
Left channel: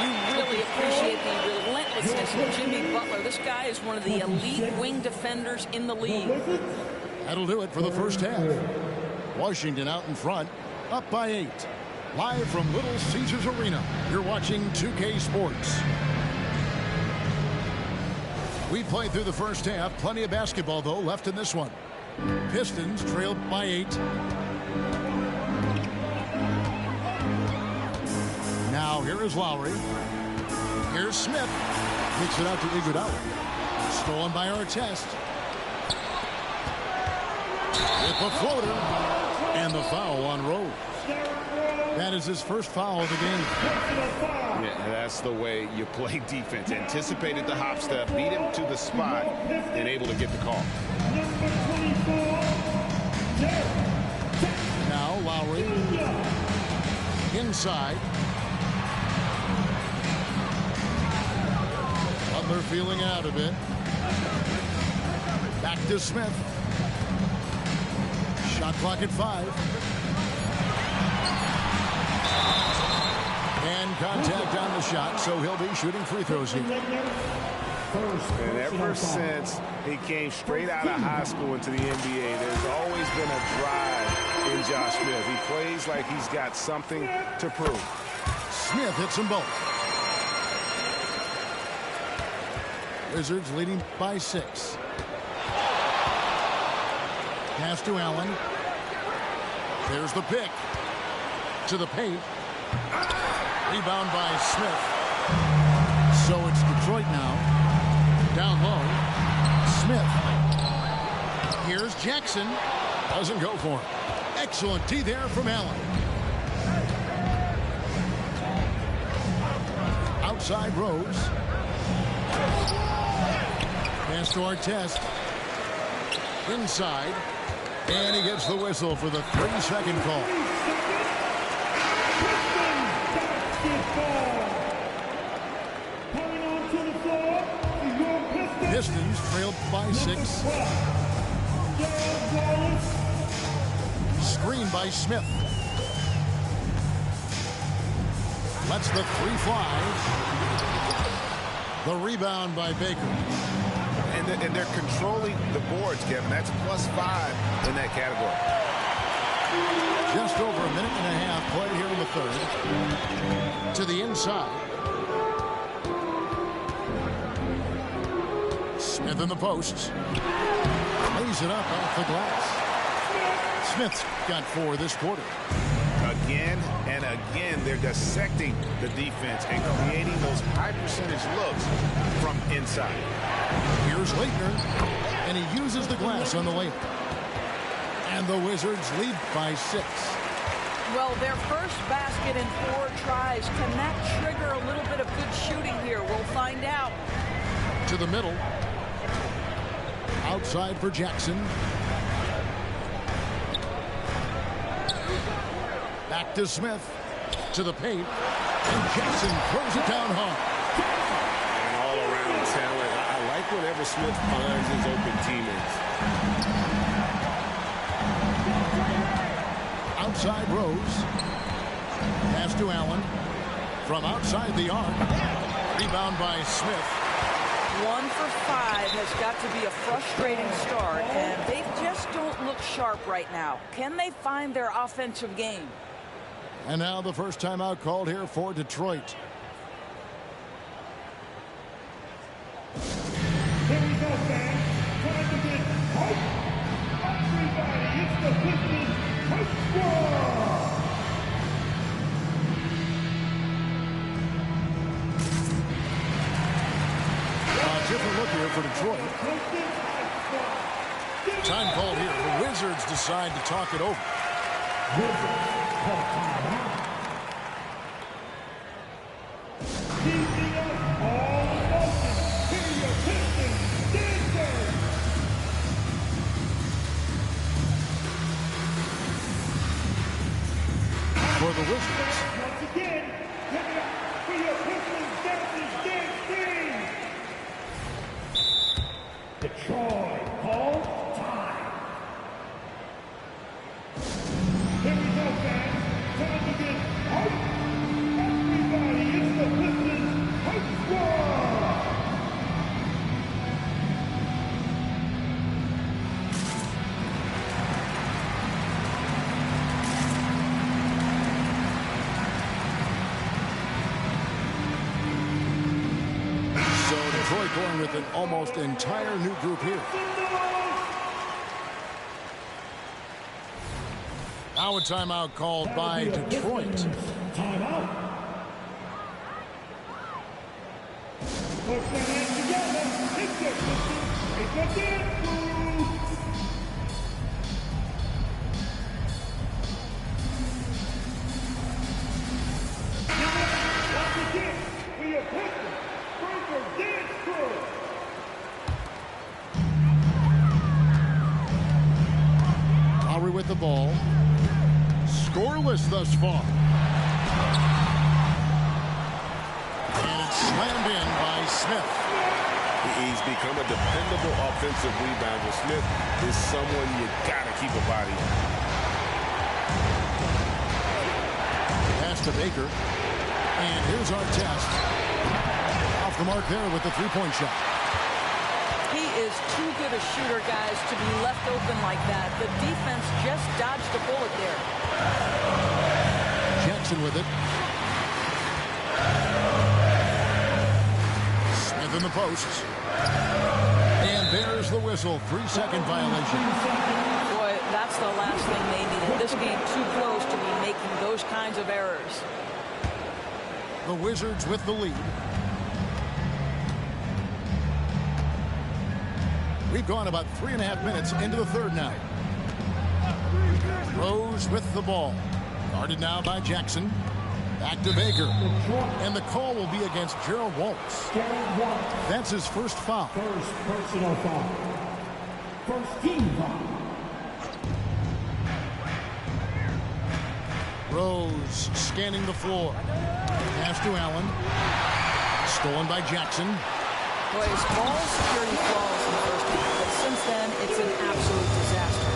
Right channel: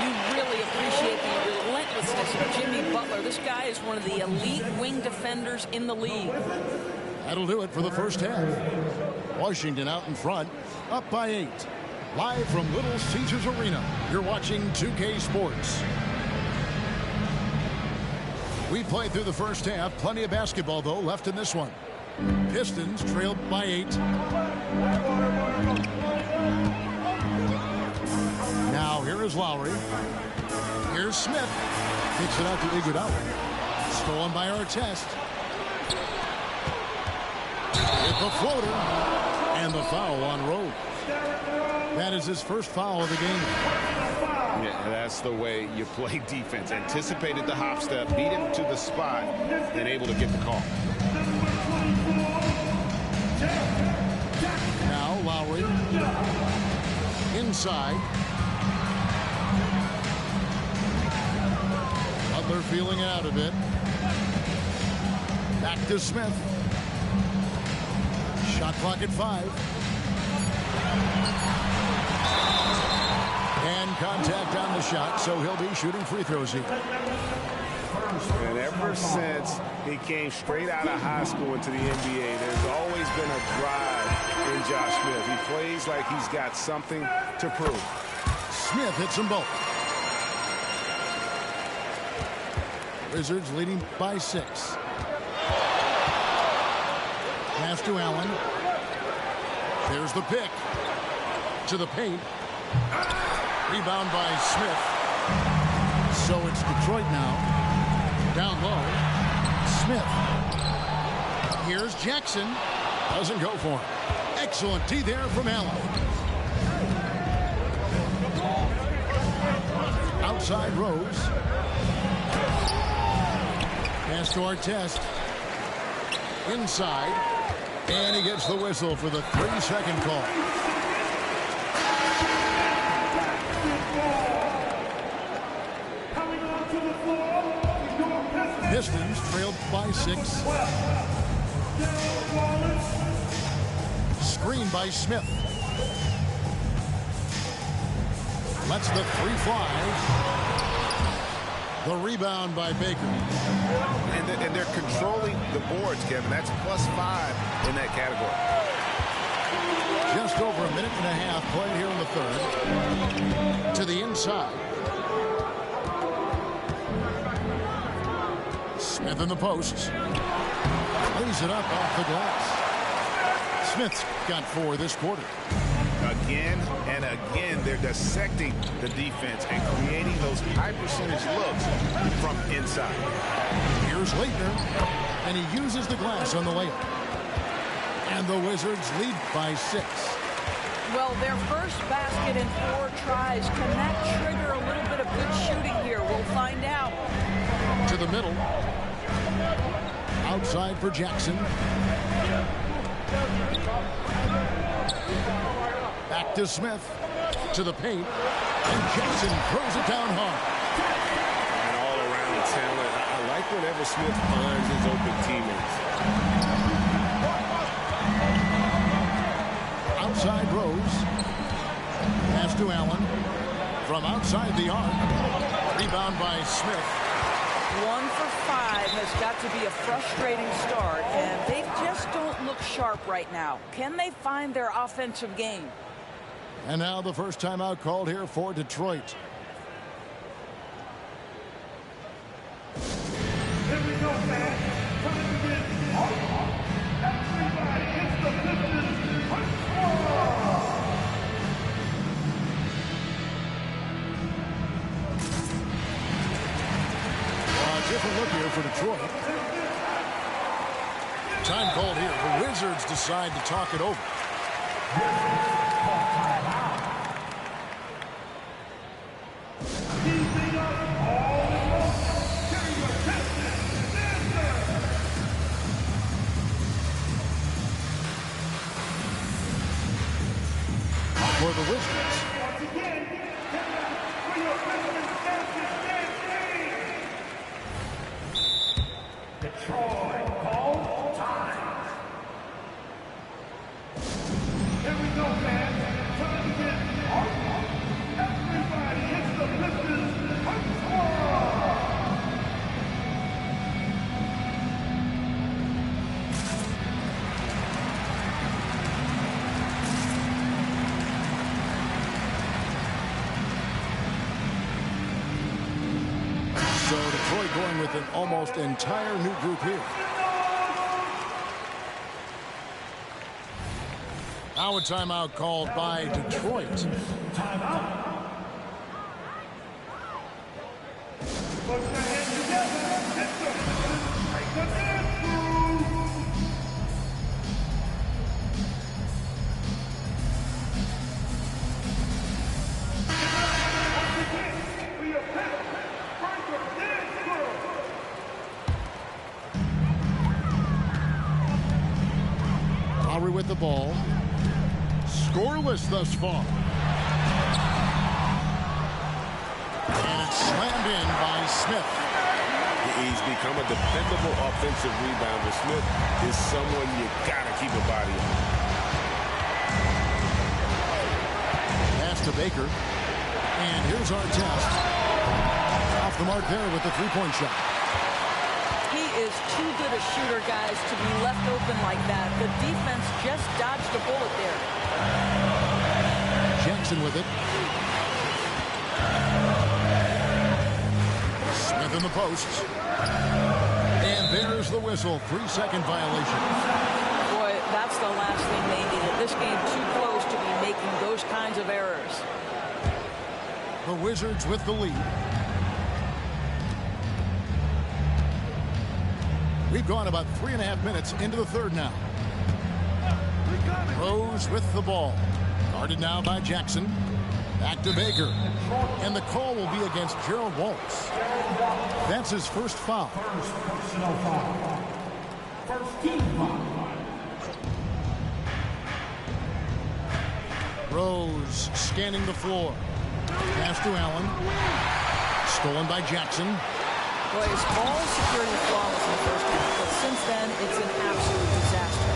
You really appreciate the relentlessness of Jimmy Butler. This guy is one of the elite wing defenders in the league. That'll do it for the first half. Washington out in front, up by 8. Live from Little Caesars Arena, you're watching 2K Sports. We played through the first half. Plenty of basketball, though, left in this one. Pistons trailed by 8. Now here is Lowry. Here's Smith. Kicks it out to Iguodala. Stolen by Artest. With the floater. And the foul on Rose. That is his first foul of the game. Yeah, that's the way you play defense. Anticipated the hop step, beat him to the spot, and able to get the call. Now Lowry. Inside. Butler feeling out a bit. Back to Smith. Shot clock at 5. And contact on the shot, so he'll be shooting free throws here. And ever since he came straight out of high school into the NBA, there's always been a drive in Josh Smith. He plays like he's got something to prove. Smith hits them both. Wizards leading by 6. Pass to Allen. There's the pick. To the paint. Rebound by Smith. So it's Detroit now. Down low. Smith. Here's Jackson. Doesn't go for him. Excellent D there from Allen. Outside Rose. Pass to Artest. Inside. And he gets the whistle for the 3-second call. Pistons trailed by 6. Screen by Smith. Lets the 3 fly. The rebound by Baker. And they're controlling the boards, Kevin. That's +5 in that category. Just over a minute and a half played here in the third. To the inside. Smith in the posts. Lays it up off the glass. Smith's got 4 this quarter. Again and again, they're dissecting the defense and creating those high percentage looks from inside. Here's Leitner, and he uses the glass on the layup. And the Wizards lead by 6. Well, their first basket in 4 tries. Can that trigger a little bit of good shooting here? We'll find out. To the middle. Outside for Jackson. Back to Smith. To the paint. And Jackson throws it down hard. And all-around talent. I like whenever Smith finds his open teammates. Outside Rose. Pass to Allen. From outside the arc. Rebound by Smith. 1 for 5 has got to be a frustrating start, and they just don't look sharp right now. Can they find their offensive game? And now the first timeout called here for Detroit. Here we go, fans. Time to get hype. Everybody, it's the Pistons Hype Squad. Different look here for Detroit. Time called here. The Wizards decide to talk it over. Keeping us all in motion. Here are your Pistons dancers. For the Wizards. Once again, give it up for your Pistons dancers dance team. Detroit calls time. Here we go, fans. Time to get hype. Everybody, it's the Pistons Hype Squad. So Detroit going with an almost entire new group here. Now a timeout called by Detroit. Timeout. Put the hands together. It's the Pistons make a dance move. Give it up once again for your Pistons. Breaker dance crew. Lowry with the ball. Scoreless thus far. And it's slammed in by Smith. He's become a dependable offensive rebounder. Smith is someone you gotta keep a body on. Pass to Baker. And here's our test. Off the mark there with the three-point shot. He is too good a shooter, guys, to be left open like that. The defense just dodged a bullet there. Jackson with it. Smith in the post. And there's the whistle. 3-second violation. Boy, that's the last thing they needed. This game too close to be making those kinds of errors. The Wizards with the lead. We've gone about 3.5 minutes into the third now. Rose with the ball. Guarded now by Jackson. Back to Baker. And the call will be against Gerald Wallace. That's his first foul. First personal foul. First team foul. Rose scanning the floor. Pass to Allen. Stolen by Jackson. Boy, his ball security flawless in the first half, but since then, it's an absolute disaster.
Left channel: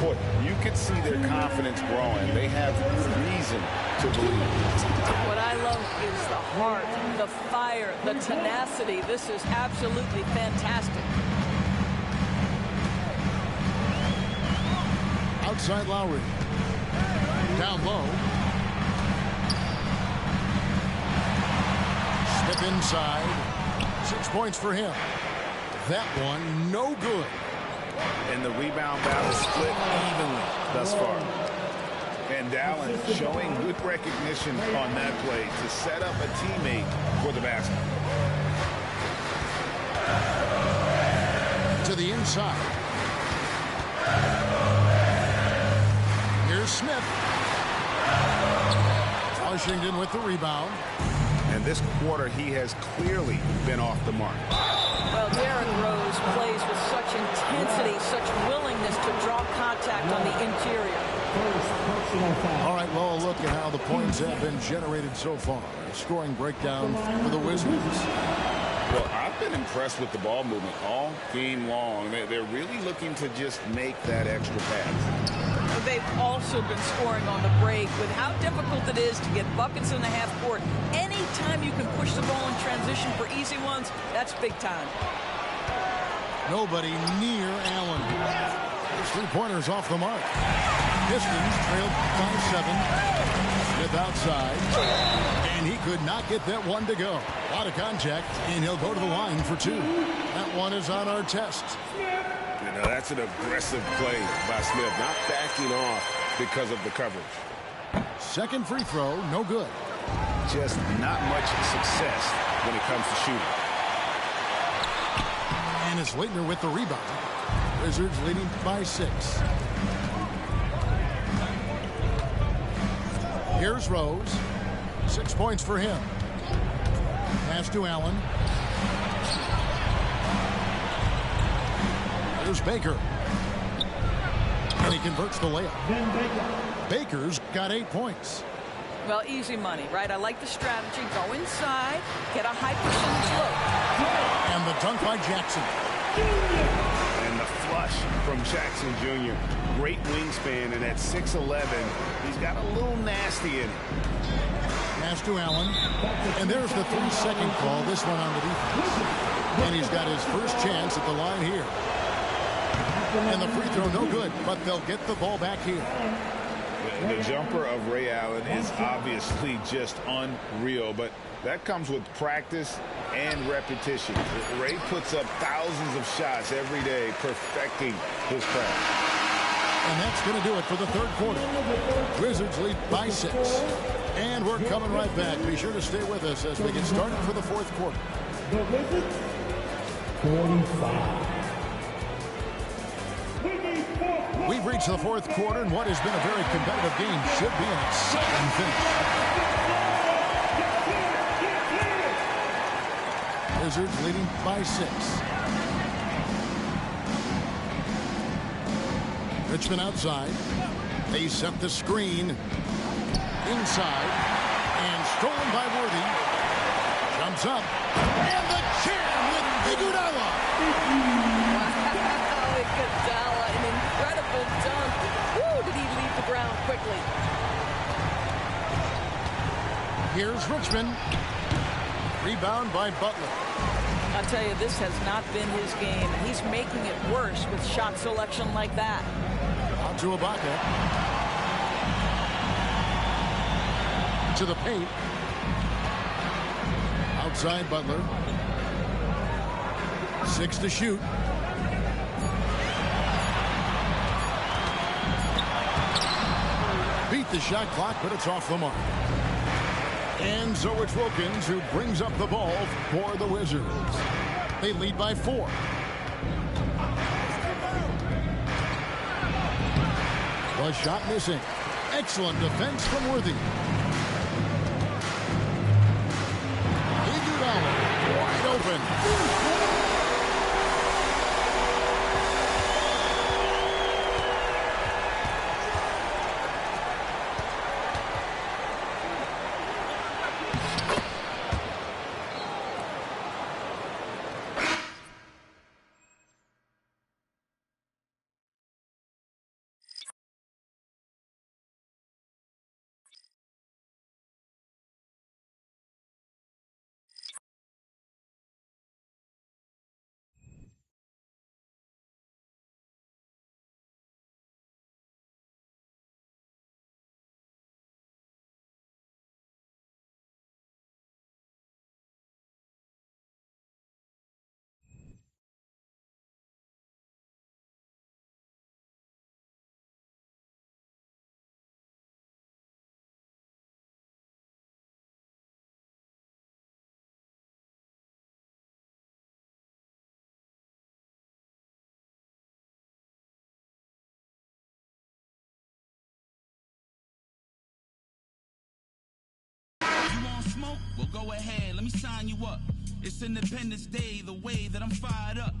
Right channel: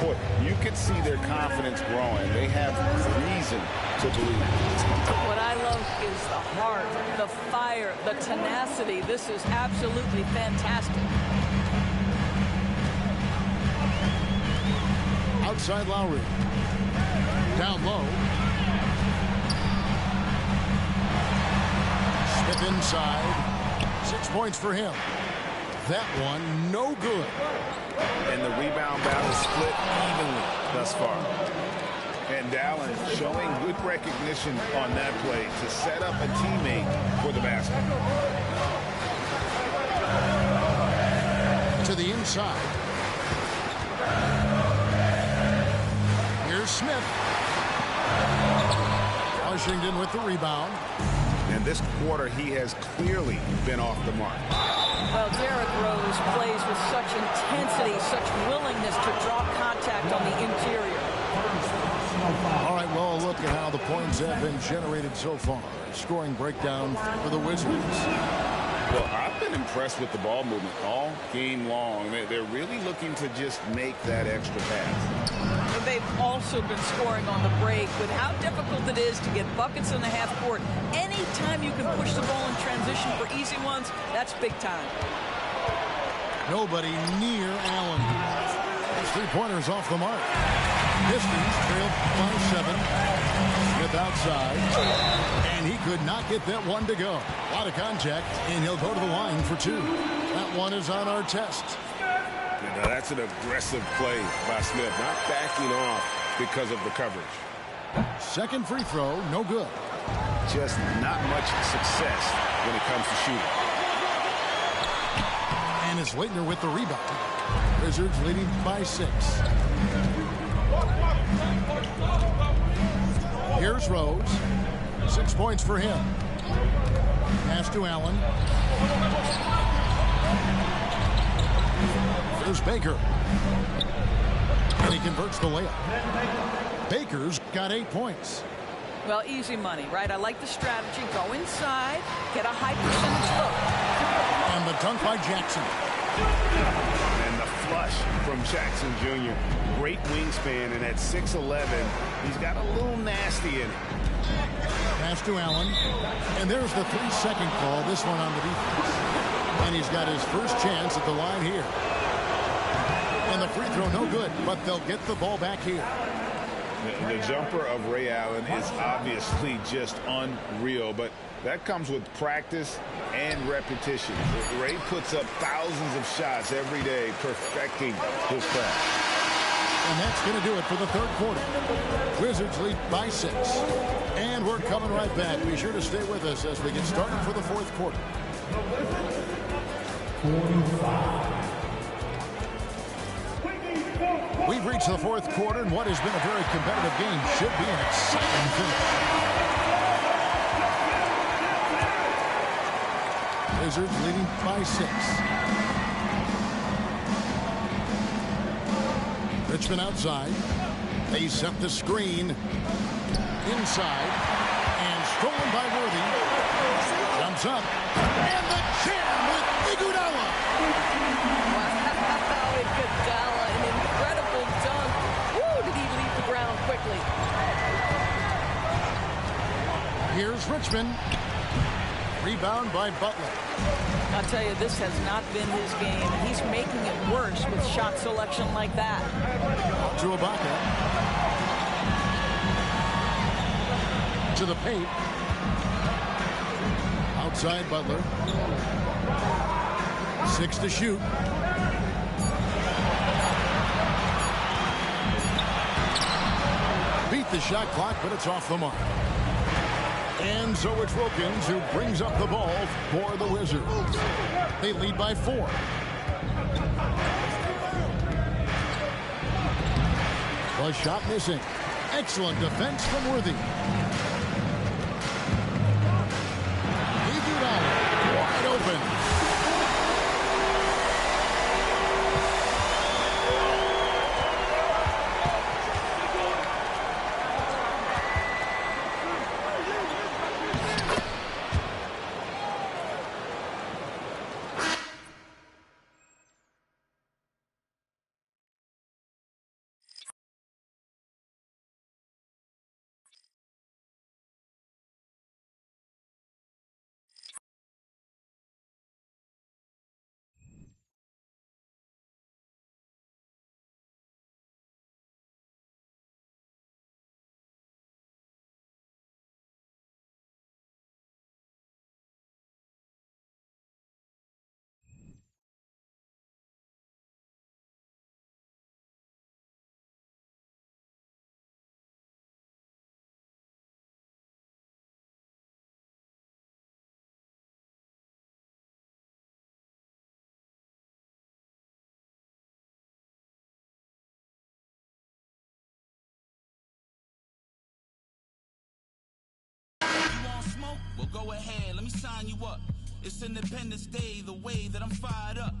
Boy, you could see their confidence growing. They have reason to believe. What I love is the heart, the fire, the tenacity. This is absolutely fantastic. Outside Lowry. Down low. Smith inside. 6 points for him. That one, no good. And the rebound battle split evenly thus far. And Allen showing good recognition on that play to set up a teammate for the basket. To the inside. Here's Smith. Washington with the rebound. And this quarter, he has clearly been off the mark. Well, Derrick Rose plays with such intensity, such willingness to draw contact on the interior. All right, well, look at how the points have been generated so far. Scoring breakdown for the Wizards. Well, I've been impressed with the ball movement all game long. They're really looking to just make that extra pass. They've also been scoring on the break with how difficult it is to get buckets in the half court. Anytime you can push the ball in transition for easy ones, that's big time. Nobody near Allen. His three-pointers off the mark. Pistons trailed by 7. Smith outside. And he could not get that one to go. A lot of contact, and he'll go to the line for 2. That one is on our test. You know, that's an aggressive play by Smith, not backing off because of the coverage. Second free throw, no good. Just not much success when it comes to shooting. And it's Leitner with the rebound. Wizards leading by 6. Here's Rose. 6 points for him. Pass to Allen. There's Baker. And he converts the layup. Baker's got 8 points. Well, easy money, right? I like the strategy. Go inside, get a high percentage look. And the dunk by Jackson. And the flush from Jackson Jr. Great wingspan, and at 6'11", he's got a little nasty in it. Pass to Allen. And there's the 3-second call, this one on the defense. And he's got his first chance at the line here. And the free throw no good, but they'll get the ball back here. The jumper of Ray Allen is obviously just unreal, but that comes with practice and repetition. Ray puts up thousands of shots every day, perfecting his craft. And that's going to do it for the third quarter. Wizards lead by 6. And we're coming right back. Be sure to stay with us as we get started for the fourth quarter. The Wizards, 45. We've reached the fourth quarter, and what has been a very competitive game should be an exciting finish. Wizards leading by 6. Richmond outside. They set the screen. Inside. And stolen by Worthy. Jumps up. And the jam with Iguodala. Wow, Iguodala, an incredible dunk. Woo, did he leave the ground quickly. Here's Richmond. Rebound by Butler. I'll tell you, this has not been his game, and he's making it worse with shot selection like that. Out to Ibaka. To the paint. Outside Butler. 6 to shoot. Beat the shot clock, but it's off the mark. And so it's Wilkins who brings up the ball for the Wizards. They lead by 4. The shot missing. Excellent defense from Worthy. Iguodala wide open. smoke? Well, go ahead, let me sign you up. It's Independence Day, the way that I'm fired up.